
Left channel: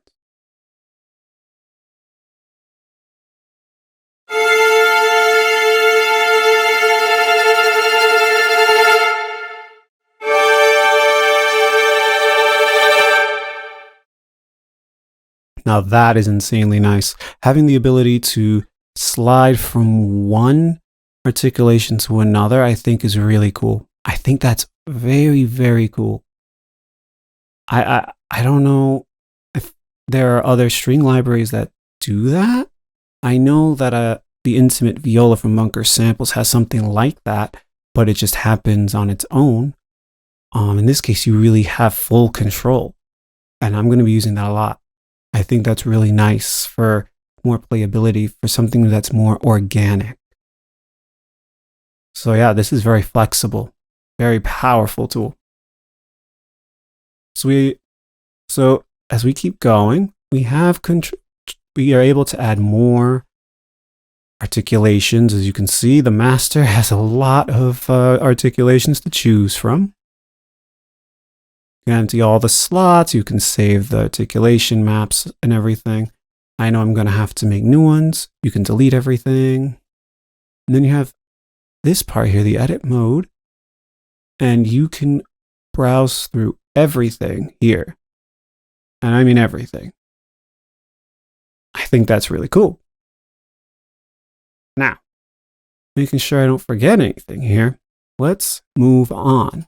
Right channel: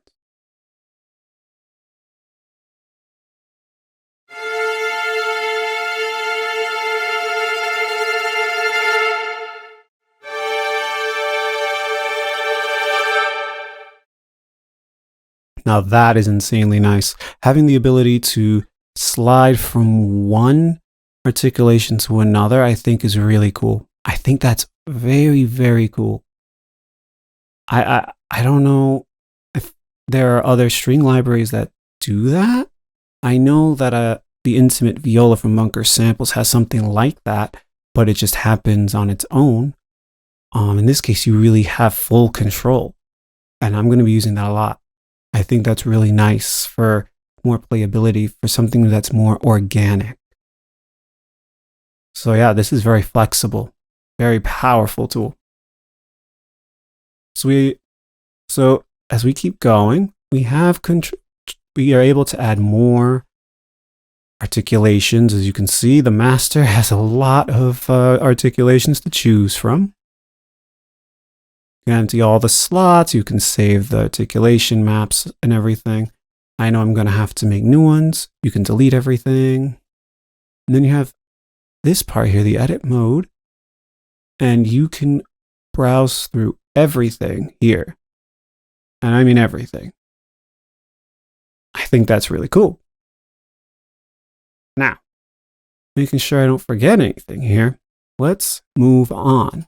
Now that is insanely nice. Having the ability to slide from one articulation to another, I think is really cool. I think that's very, very cool. I don't know if there are other string libraries that do that. I know that the Intimate Viola from Munker Samples has something like that, but it just happens on its own. In this case, you really have full control, and I'm going to be using that a lot. I think that's really nice for more playability, for something that's more organic. So yeah, this is very flexible, very powerful tool. So as we keep going, we are able to add more articulations. As you can see, the master has a lot of articulations to choose from. You can empty all the slots. You can save the articulation maps and everything. I know I'm going to have to make new ones. You can delete everything. And then you have this part here, the edit mode. And you can browse through everything here. And I mean everything. I think that's really cool. Now, making sure I don't forget anything here, let's move on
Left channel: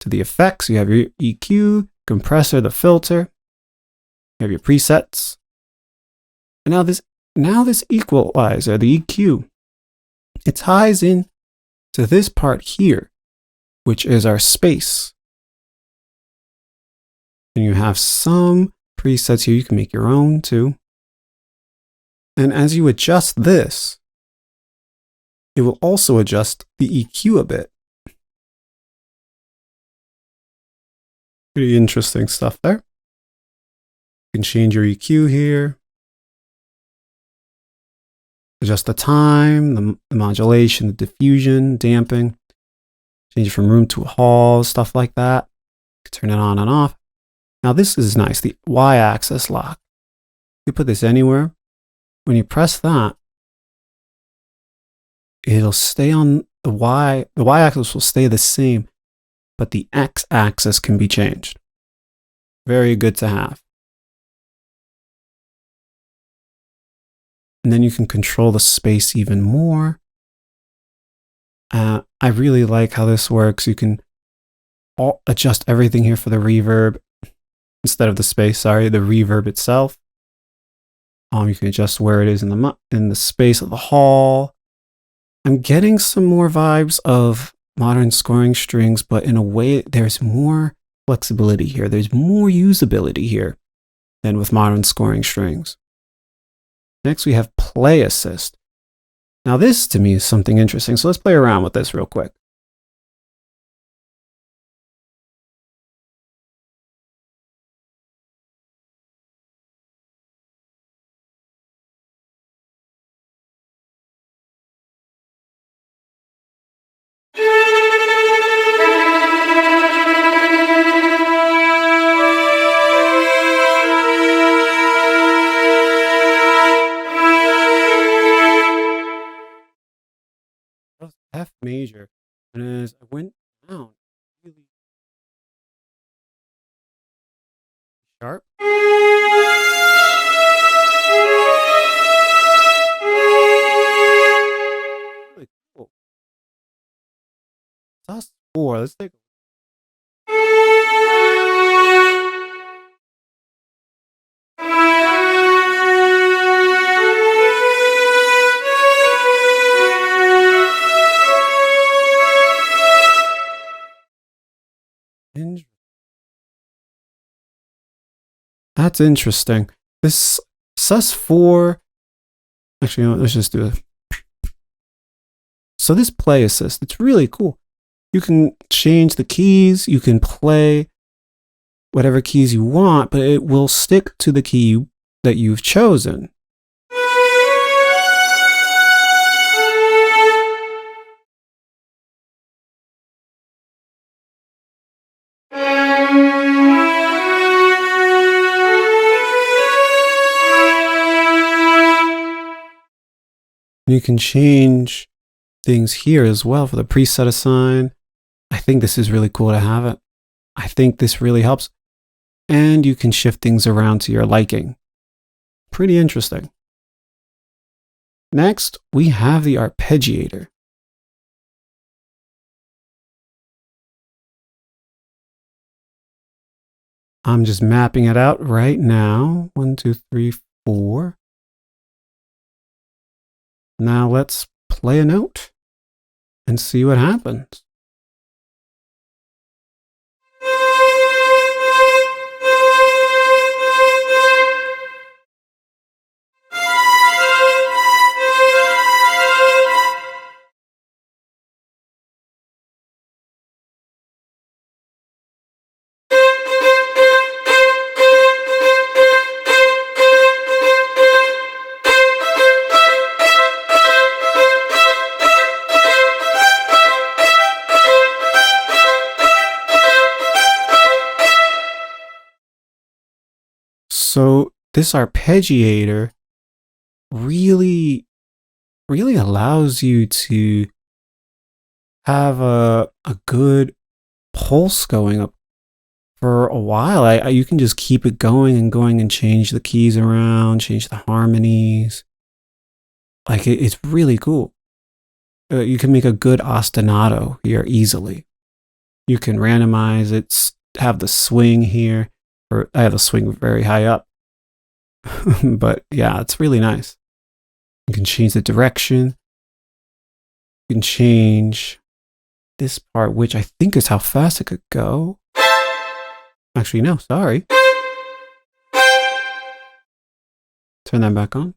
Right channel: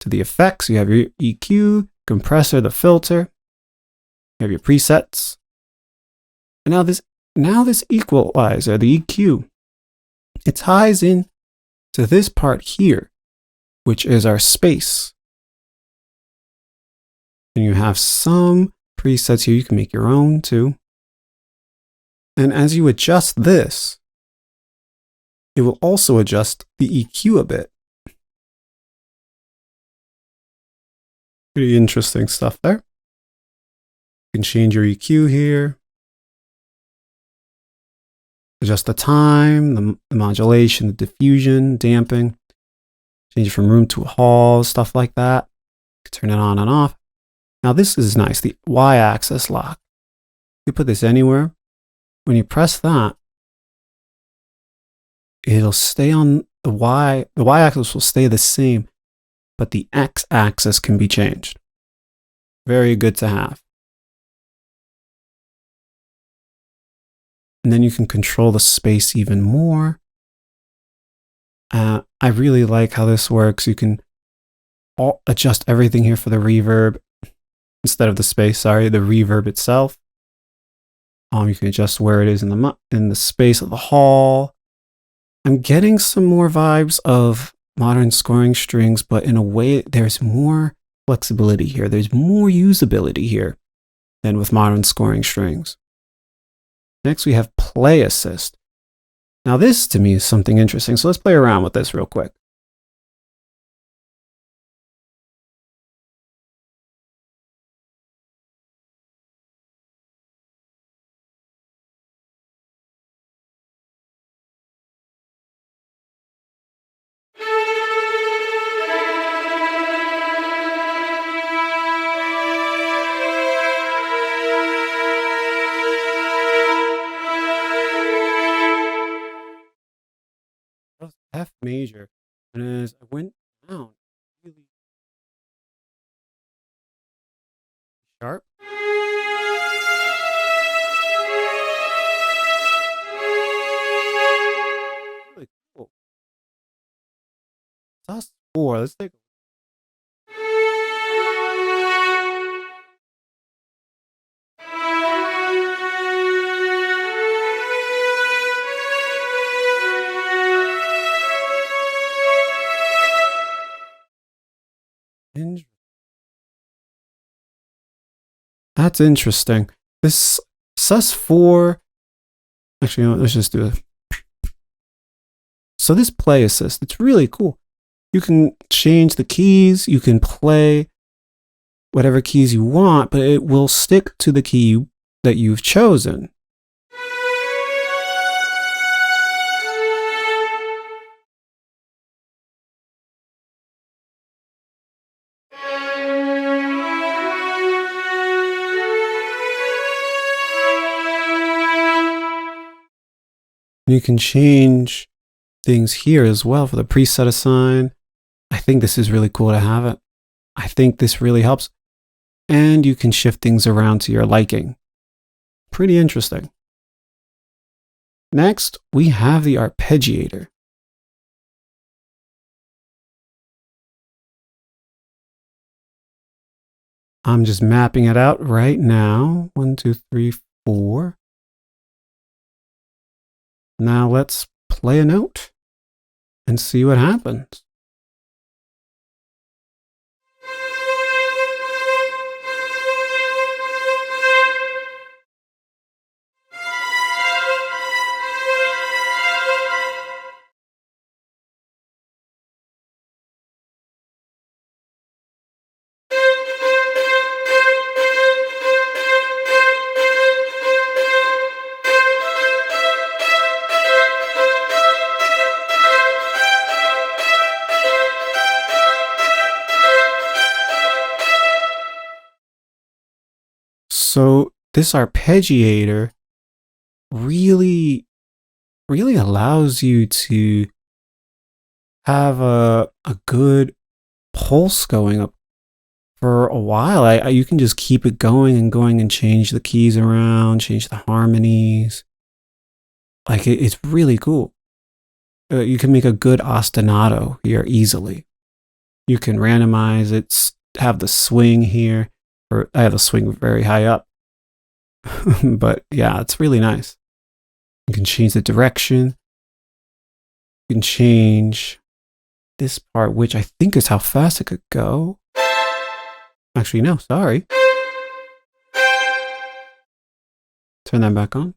to the effects. You have your EQ, compressor, the filter. You have your presets. And now this equalizer, the EQ, it ties in to this part here, which is our space. And you have some presets here. You can make your own too. And as you adjust this, it will also adjust the EQ a bit. Pretty interesting stuff there. You can change your EQ here. Adjust the time, the modulation, the diffusion, damping. Change it from room to hall, stuff like that. You can turn it on and off. Now this is nice, the Y-axis lock. You put this anywhere. When you press that, it'll stay on the Y-axis will stay the same, but the X-axis can be changed. Very good to have. And then you can control the space even more. I really like how this works. You can adjust everything here for the reverb instead of the space, sorry, the reverb itself. You can adjust where it is in the space of the hall. I'm getting some more vibes of modern scoring strings, but in a way, there's more flexibility here. There's more usability here than with modern scoring strings. Next, we have play assist. Now this to me is something interesting. So let's play around with this real quick. F major, and as I went down, really sharp. Really cool. sus4. Let's take. That's interesting. This sus4. Actually, let's just do it. So this play assist, it's really cool. You can change the keys, you can play whatever keys you want, but it will stick to the key that you've chosen. You can change things here as well for the preset assign. I think this is really cool to have it. I think this really helps. And you can shift things around to your liking. Pretty interesting. Next, we have the arpeggiator. I'm just mapping it out right now. 1, 2, 3, 4. Now let's play a note and see what happens. So this arpeggiator really allows you to have a good pulse going up for a while. You can just keep it going and change the keys around, change the harmonies. Like it's really cool. You can make a good ostinato here easily. You can randomize it, have the swing here, or I have the swing very high up. But yeah, it's really nice. You can change the direction. You can change this part, which I think is how fast it could go. Actually, no, sorry. Turn that back on.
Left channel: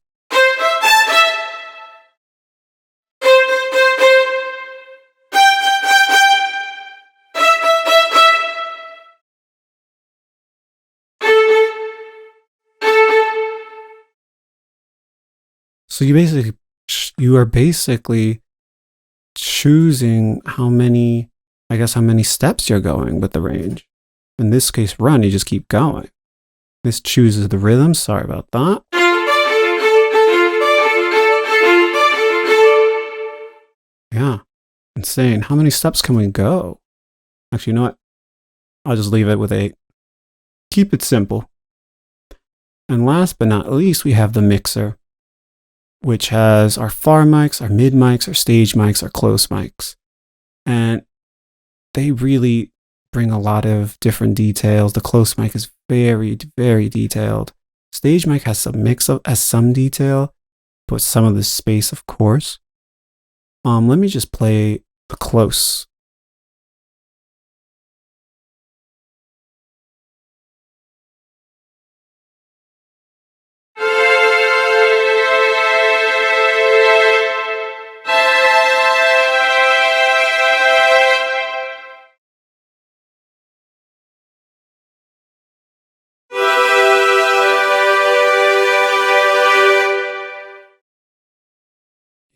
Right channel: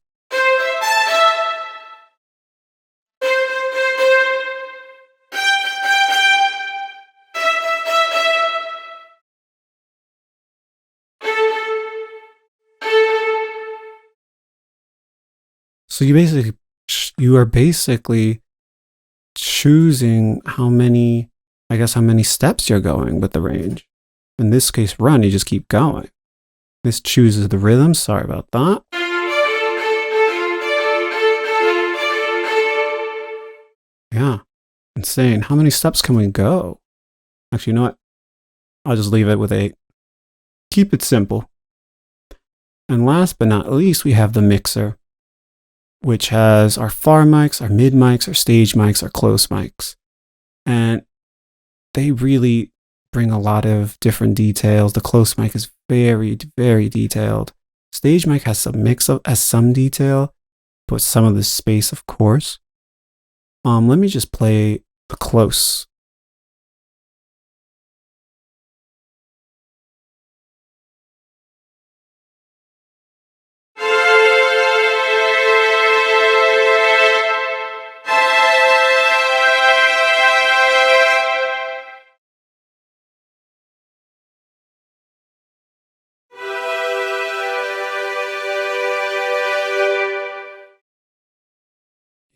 So you are basically choosing how many steps you're going with the range. In this case, run, you just keep going. This chooses the rhythm. Sorry about that. Yeah, insane. How many steps can we go? Actually, you know what? I'll just leave it with 8. Keep it simple. And last but not least, we have the mixer, which has our far mics, our mid mics, our stage mics, our close mics. And they really bring a lot of different details. The close mic is very, very detailed. Stage mic has some detail, but some of the space, of course. Let me just play the close.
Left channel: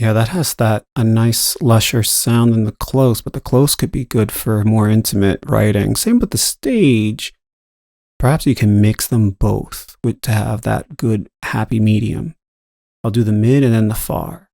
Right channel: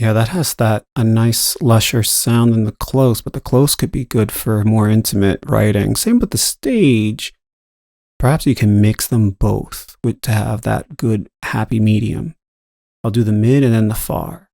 Yeah, that has a nice lusher sound in the close, but the close could be good for more intimate writing. Same with the stage. Perhaps you can mix them both to have that good happy medium. I'll do the mid and then the far.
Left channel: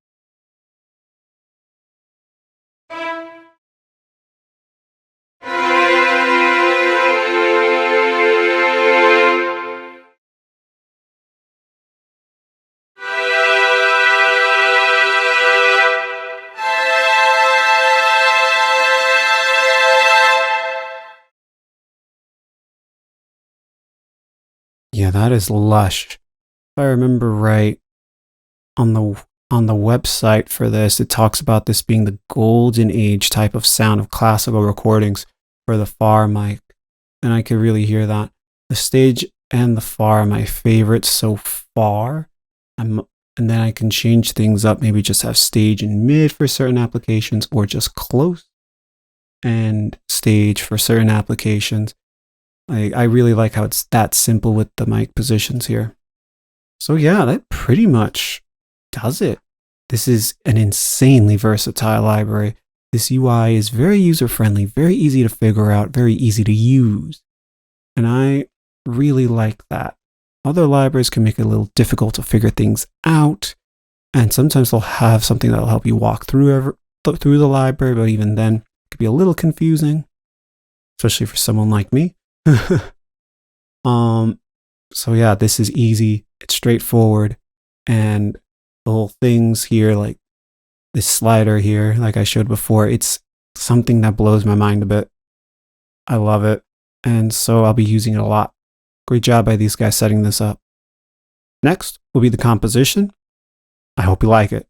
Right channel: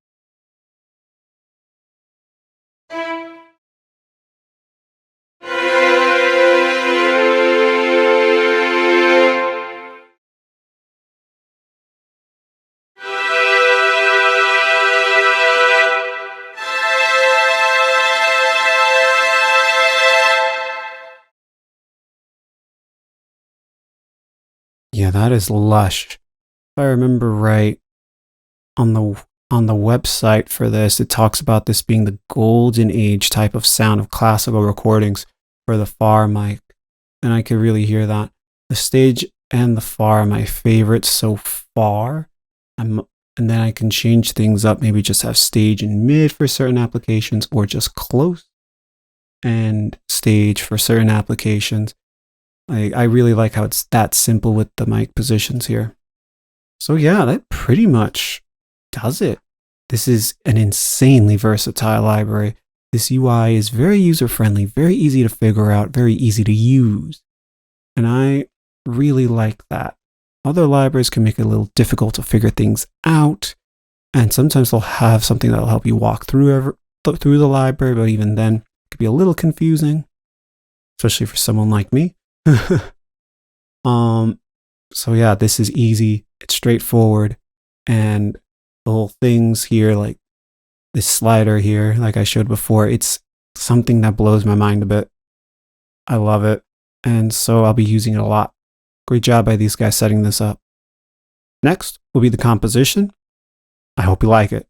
Yeah, that is lush. If I remember right, on the website for this, it talks about this being the golden age type of sound of classical recordings for the far mic. And I could really hear that. The stage and the far are my favorites so far. And then I can change things up, maybe just have stage and mid for certain applications, or just close and stage for certain applications. I really like how it's that simple with the mic positions here. So yeah, that pretty much does it. This is an insanely versatile library. This UI is very user-friendly, very easy to figure out, very easy to use. And I really like that. Other libraries can make it a little difficult to figure things out, and sometimes they'll have something that'll help you walk through the library, but even then, it could be a little confusing, especially for someone like me. So yeah, this is easy, it's straightforward, and the whole things here, like this slider here, like I showed before, it's something that blows my mind a bit. I love it, and so I'll be using it a lot. Great job by these guys setting this up. Next will be the composition. I hope you like it.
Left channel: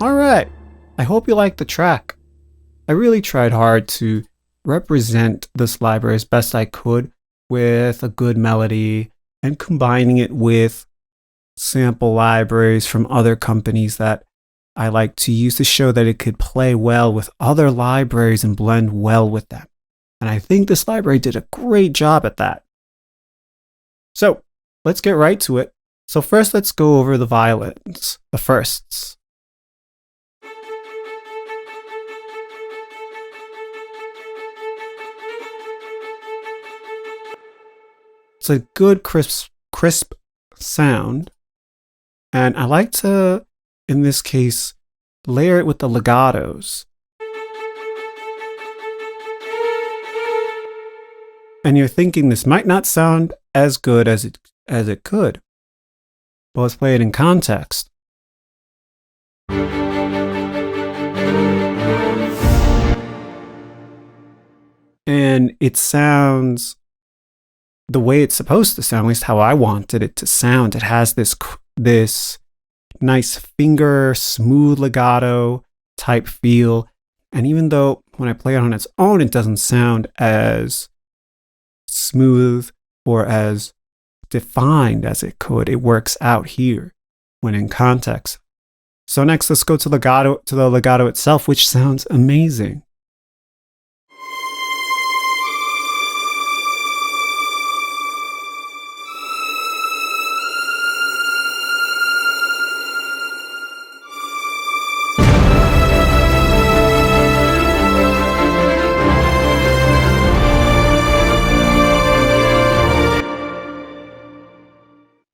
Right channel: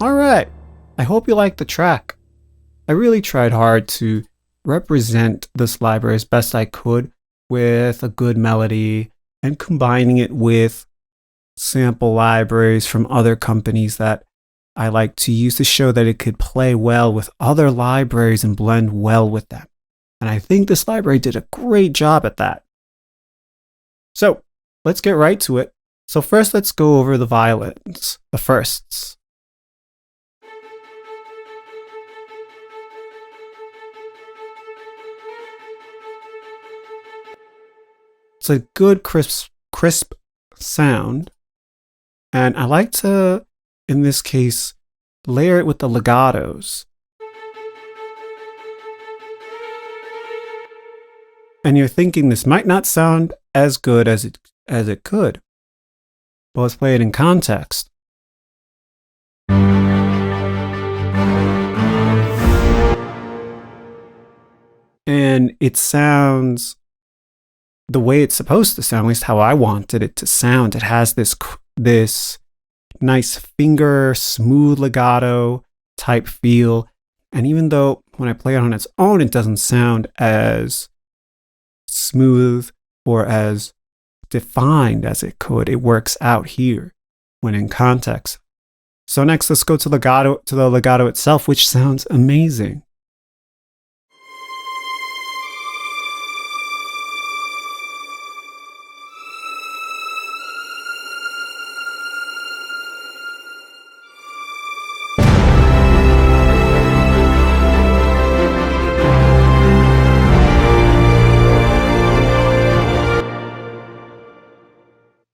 Alright, I hope you liked the track. I really tried hard to represent this library as best I could with a good melody and combining it with sample libraries from other companies that I like to use to show that it could play well with other libraries and blend well with them. And I think this library did a great job at that. So let's get right to it. So first, let's go over the violins, the firsts. It's a good crisp sound, and I like to, in this case, layer it with the legatos. And you're thinking this might not sound as good as it could. But let's play it in context. And it sounds the way it's supposed to sound, at least how I wanted it to sound. It has this nice finger, smooth legato type feel. And even though when I play it on its own, it doesn't sound as smooth or as defined as it could, it works out here when in context. So next, let's go to the legato itself, which sounds amazing.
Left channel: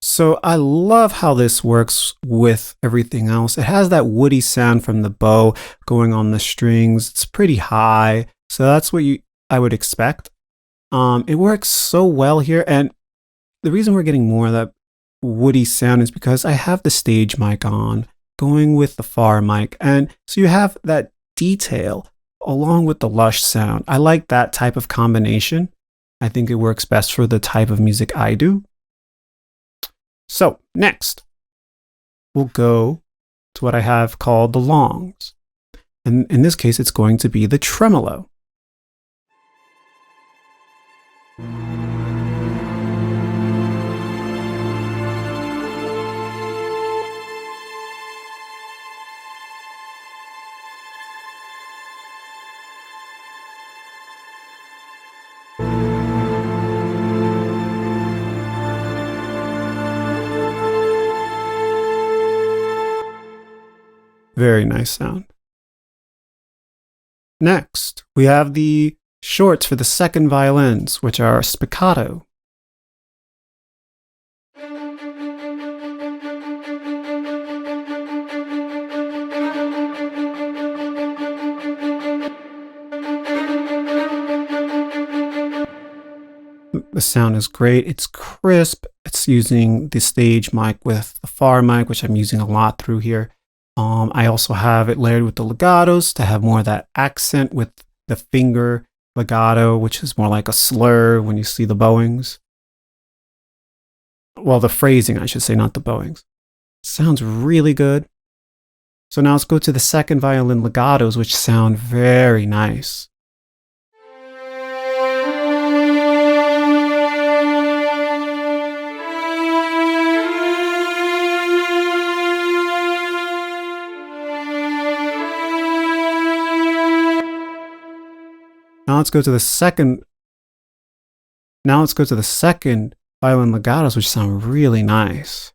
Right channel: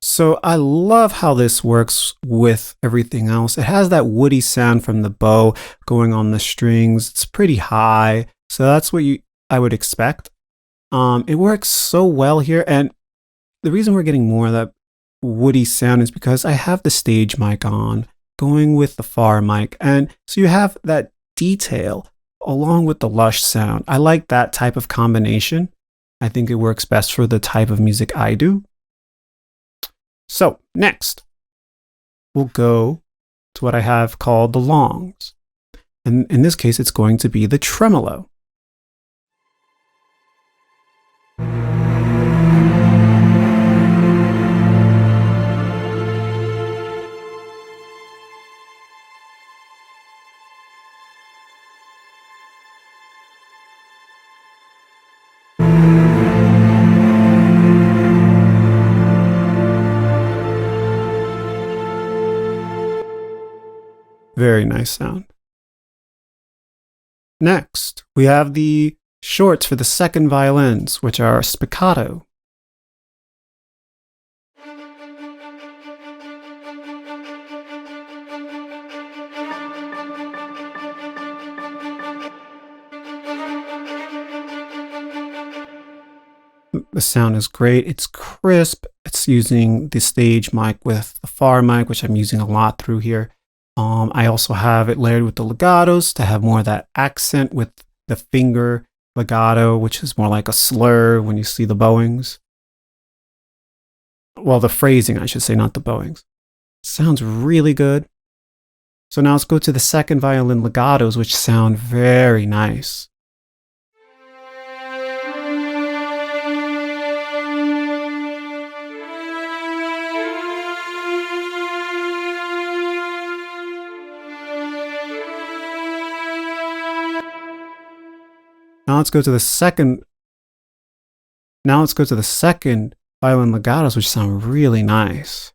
So I love how this works with everything else. It has that woody sound from the bow going on the strings. It's pretty high, so that's what I would expect. It works so well here, and the reason we're getting more of that woody sound is because I have the stage mic on, going with the far mic, and so you have that detail along with the lush sound. I like that type of combination. I think it works best for the type of music I do. So next, we'll go to what I have called the longs. And in this case, it's going to be the tremolo. Very nice sound. Next, we have the shorts for the second violins, which are spiccato. The sound is great. It's crisp. It's using the stage mic with the far mic, which I'm using a lot through here. I also have it layered with the legatos to have more of that accent with the finger legato, which is more like a slur when you see the bowings. Well, the phrasing, I should say, not the bowings. Sounds really good. So now let's go to the second violin legatos, which sound very nice. Now let's go to the second violin legatos, which sound really nice.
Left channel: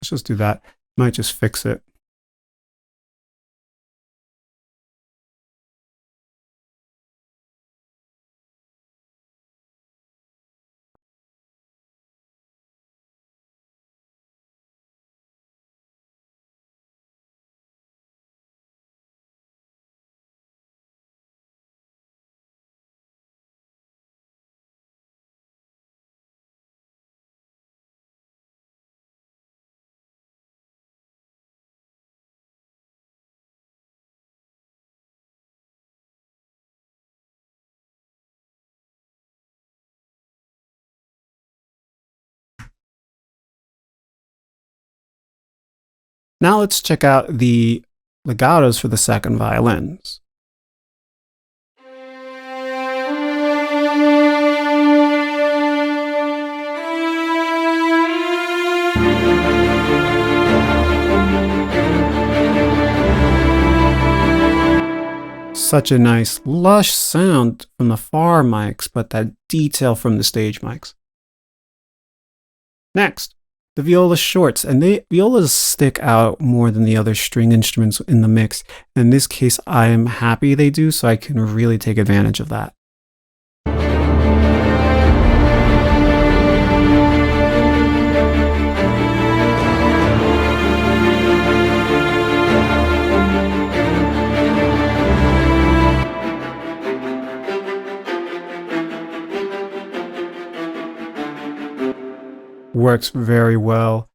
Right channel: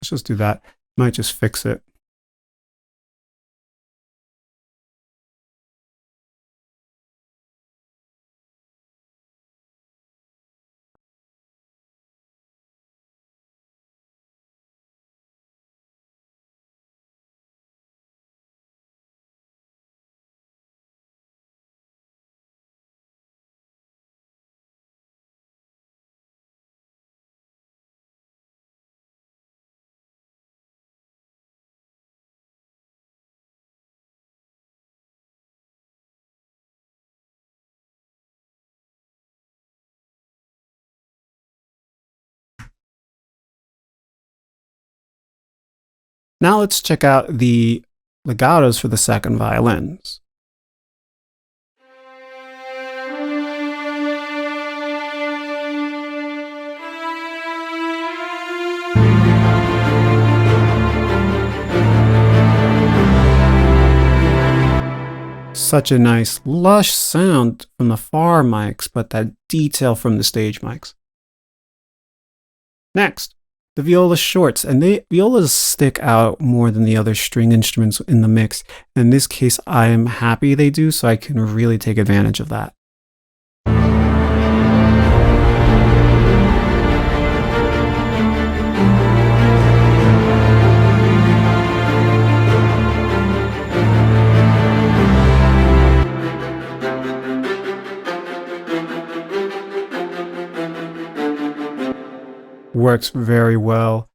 Let's just do that. Might just fix it. Now let's check out the legatos for the second violins. Such a nice lush sound from the far mics, but that detail from the stage mics. Next, the viola shorts, and violas stick out more than the other string instruments in the mix. In this case, I'm happy they do, so I can really take advantage of that. Works very well.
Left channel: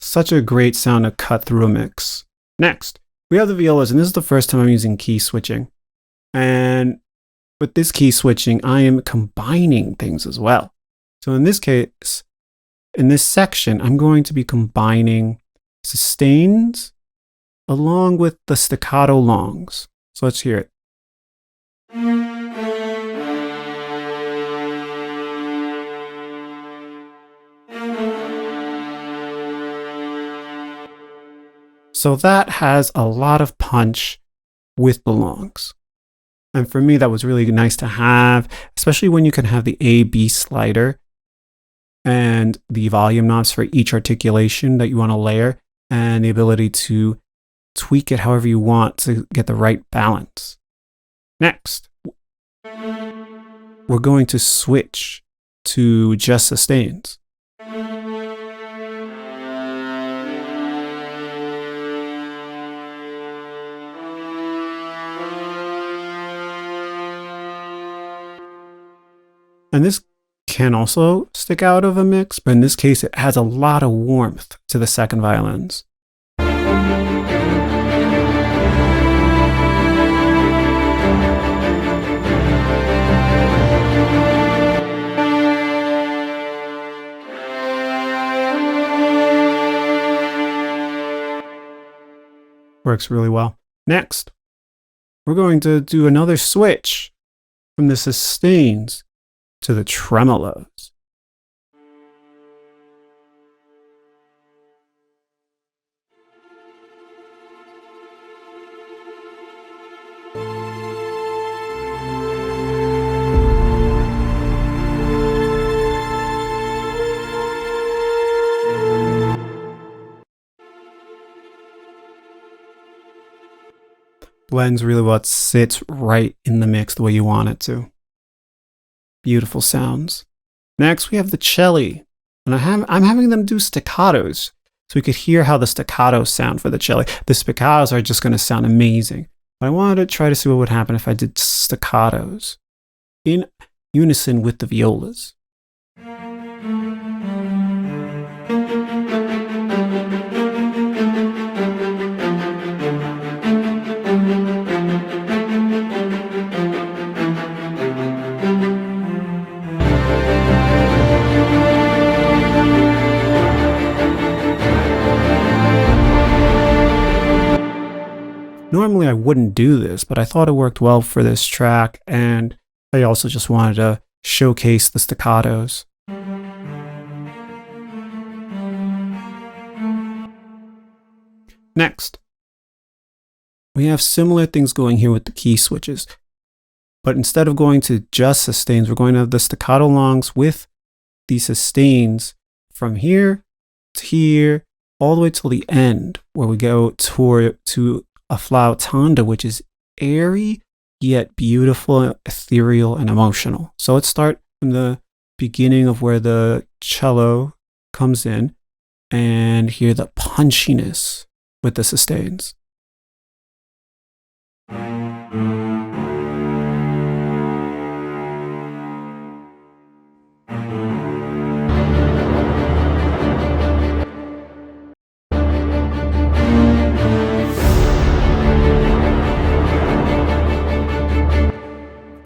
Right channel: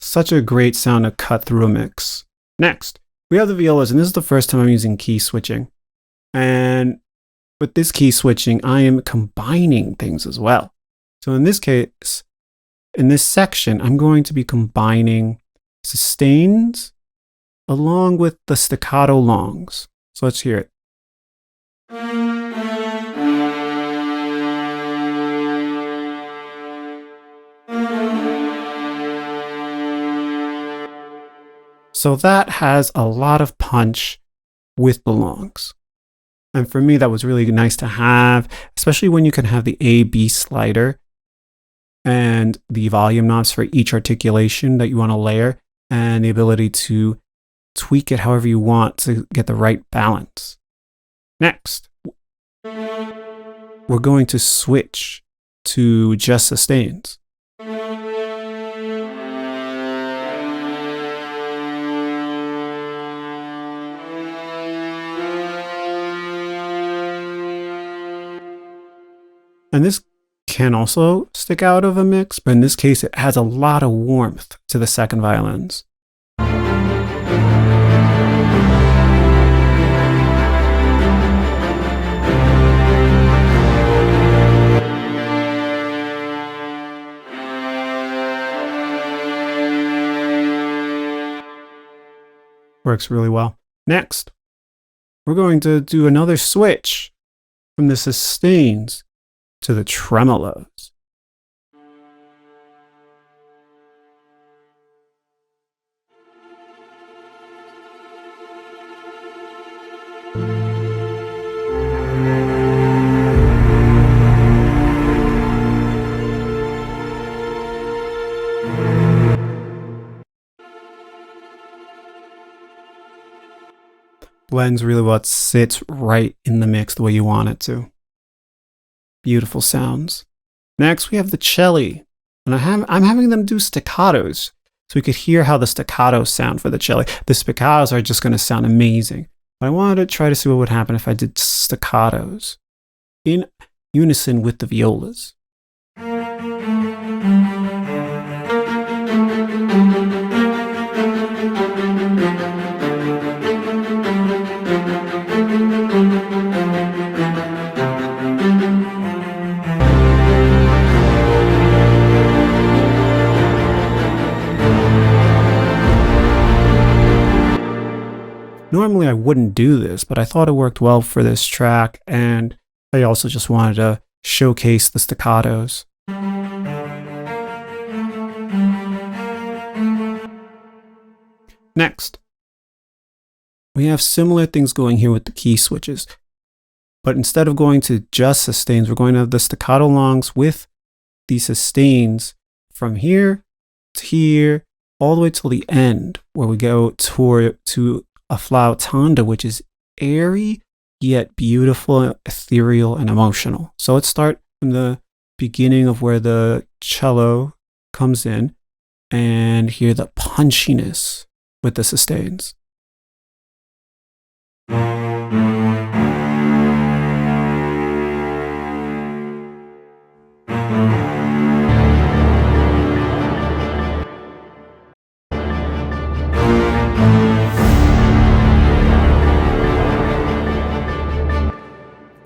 Such a great sound to cut through a mix. Next, we have the violas, and this is the first time I'm using key switching. And with this key switching, I am combining things as well. So in this case, in this section, I'm going to be combining sustains along with the staccato longs. So let's hear it. So that has a lot of punch with the longs. And for me, that was really nice to have, especially when you can have the A-B slider and the volume knobs for each articulation that you want to layer, and the ability to tweak it however you want to get the right balance. Next, we're going to switch to just sustains. And this can also stick out of a mix, but in this case, it has a lot of warmth to the second violins. Works really well. Next, we're going to do another switch from the sustains to the tremolos. Blends really well. It sits right in the mix the way you want it to. Beautiful sounds. Next, we have the celli, and I'm having them do staccatos, so we could hear how the staccatos sound for the celli. The staccatos are just going to sound amazing, but I wanted to try to see what would happen if I did staccatos in unison with the violas. Normally I wouldn't do this, but I thought it worked well for this track, and I also just wanted to showcase the staccatos. Next, we have similar things going here with the key switches, but instead of going to just sustains, we're going to have the staccato longs with the sustains from here to here, all the way till the end, where we go to a flautanda, which is airy, yet beautiful, ethereal, and emotional. So let's start from the beginning of where the cello comes in and hear the punchiness with the sustains.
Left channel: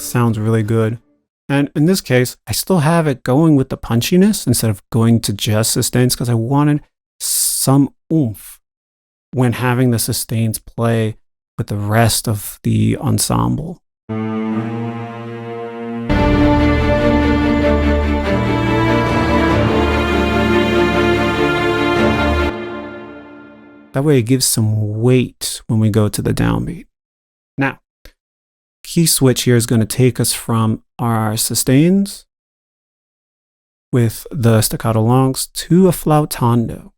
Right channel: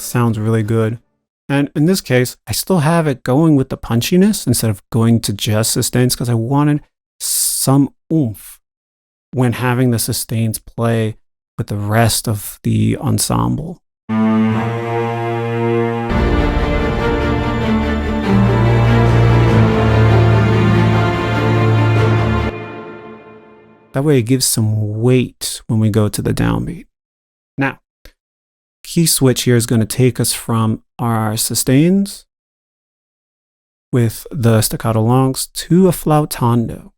Sounds really good. And in this case, I still have it going with the punchiness instead of going to just sustains, because I wanted some oomph when having the sustains play with the rest of the ensemble. That way it gives some weight when we go to the downbeat. Now, key switch here is going to take us from our sustains with the staccato longs to a flautando.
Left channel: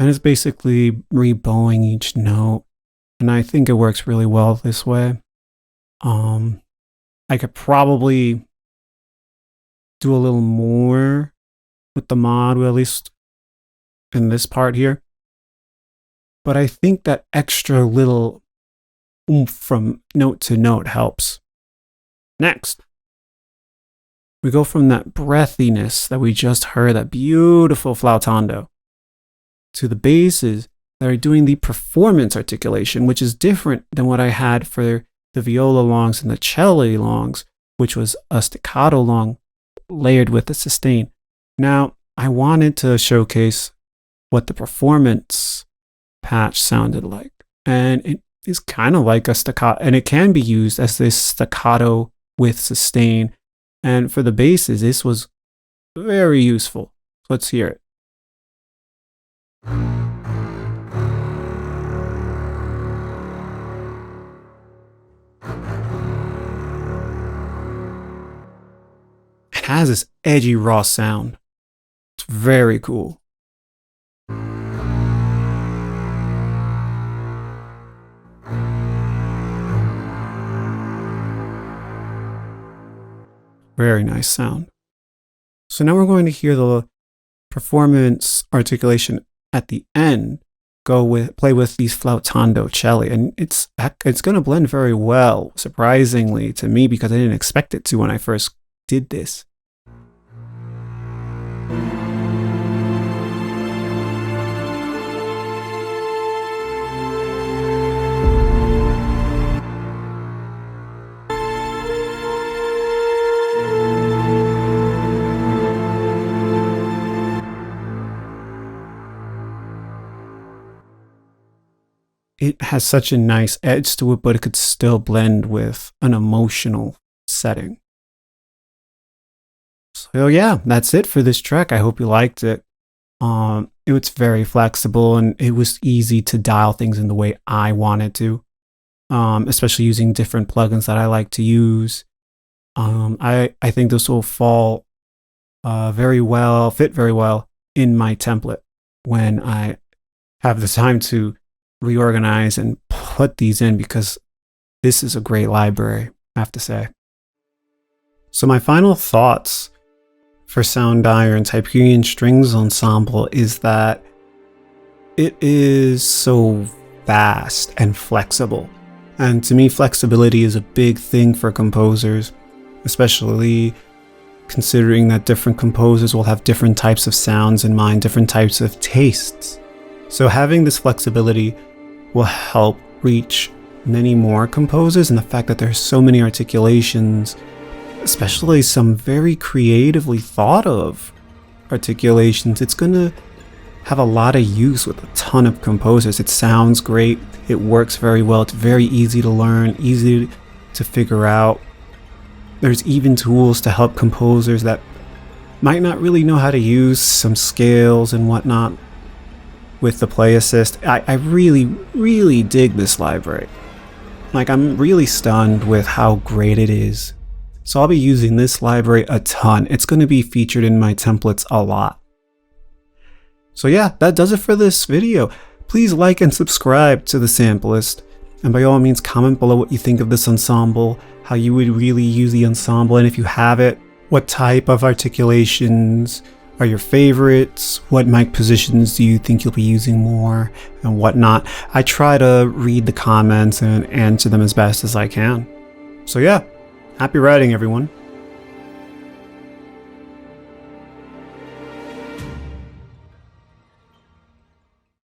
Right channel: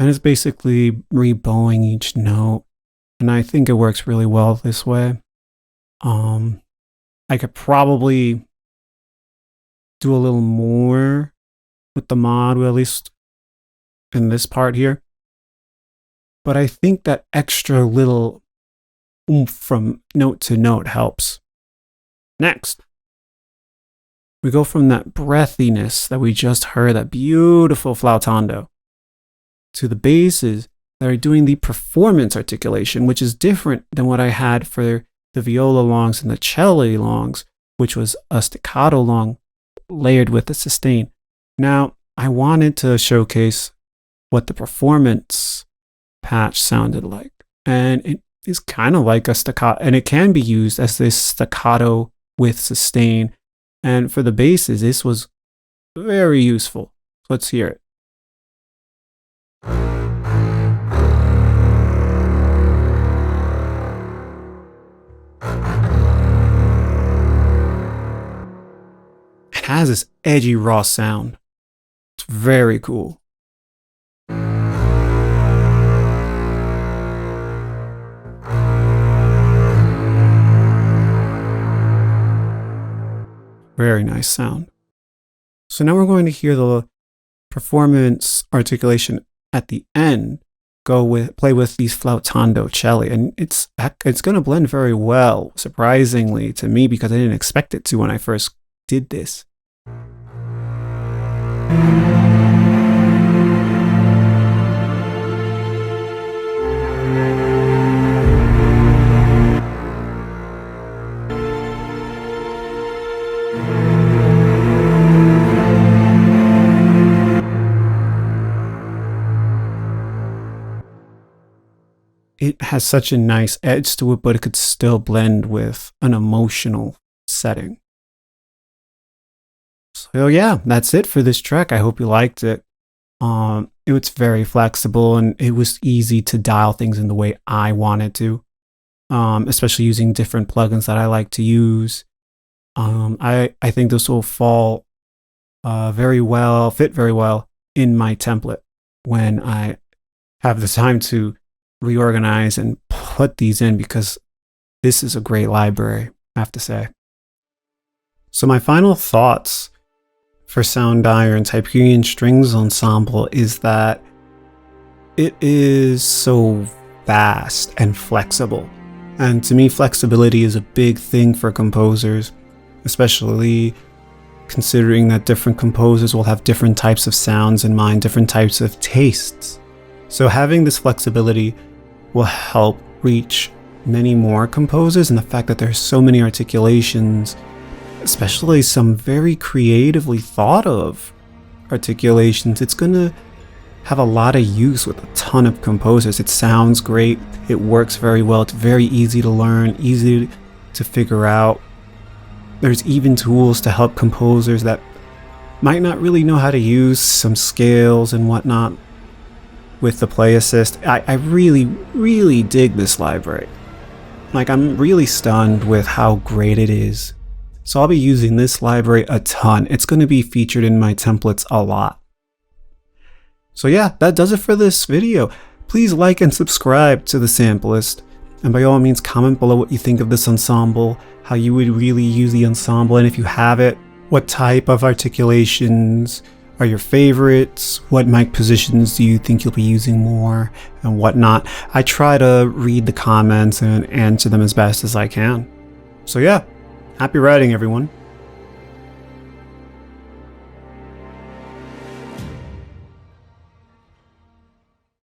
And it's basically rebowing each note. And I think it works really well this way. I could probably do a little more with the mod, at least in this part here. But I think that extra little oomph from note to note helps. Next, we go from that breathiness that we just heard, that beautiful flautando, to the basses that are doing the performance articulation, which is different than what I had for the viola longs and the cello longs, which was a staccato long layered with a sustain. Now, I wanted to showcase what the performance patch sounded like. And it is kind of like a staccato, and it can be used as this staccato with sustain. And for the basses, this was very useful. Let's hear it. It has this edgy, raw sound. It's very cool. Very nice sound. So now we're going to hear the performance articulation at the end play with these flautando cello, and it's going to blend very well, surprisingly to me, because I didn't expect it to when I first did this. It has such a nice edge to it, but it could still blend with an emotional setting. So yeah, that's it for this track. I hope you liked it. It was very flexible, and it was easy to dial things in the way I wanted to, especially using different plugins that I like to use. I think this will fit very well in my template when I have the time to reorganize and put these in, because this is a great library, I have to say. So my final thoughts for Soundiron's Hyperion Strings Ensemble is that it is so vast and flexible. And to me, flexibility is a big thing for composers, especially considering that different composers will have different types of sounds in mind, different types of tastes. So having this flexibility will help reach many more composers, and the fact that there's so many articulations, especially some very creatively thought of articulations, it's going to have a lot of use with a ton of composers. It sounds great, it works very well, it's very easy to learn, easy to figure out. There's even tools to help composers that might not really know how to use some scales and whatnot with the play assist. I really dig this library. Like, I'm really stunned with how great it is. So I'll be using this library a ton. It's going to be featured in my templates a lot. So yeah, that does it for this video. Please like and subscribe to the Sampleist. And by all means, comment below what you think of this ensemble, how you would really use the ensemble, and if you have it, what type of articulations are your favorites, what mic positions do you think you'll be using more, and whatnot. I try to read the comments and answer them as best as I can. So yeah, happy writing, everyone.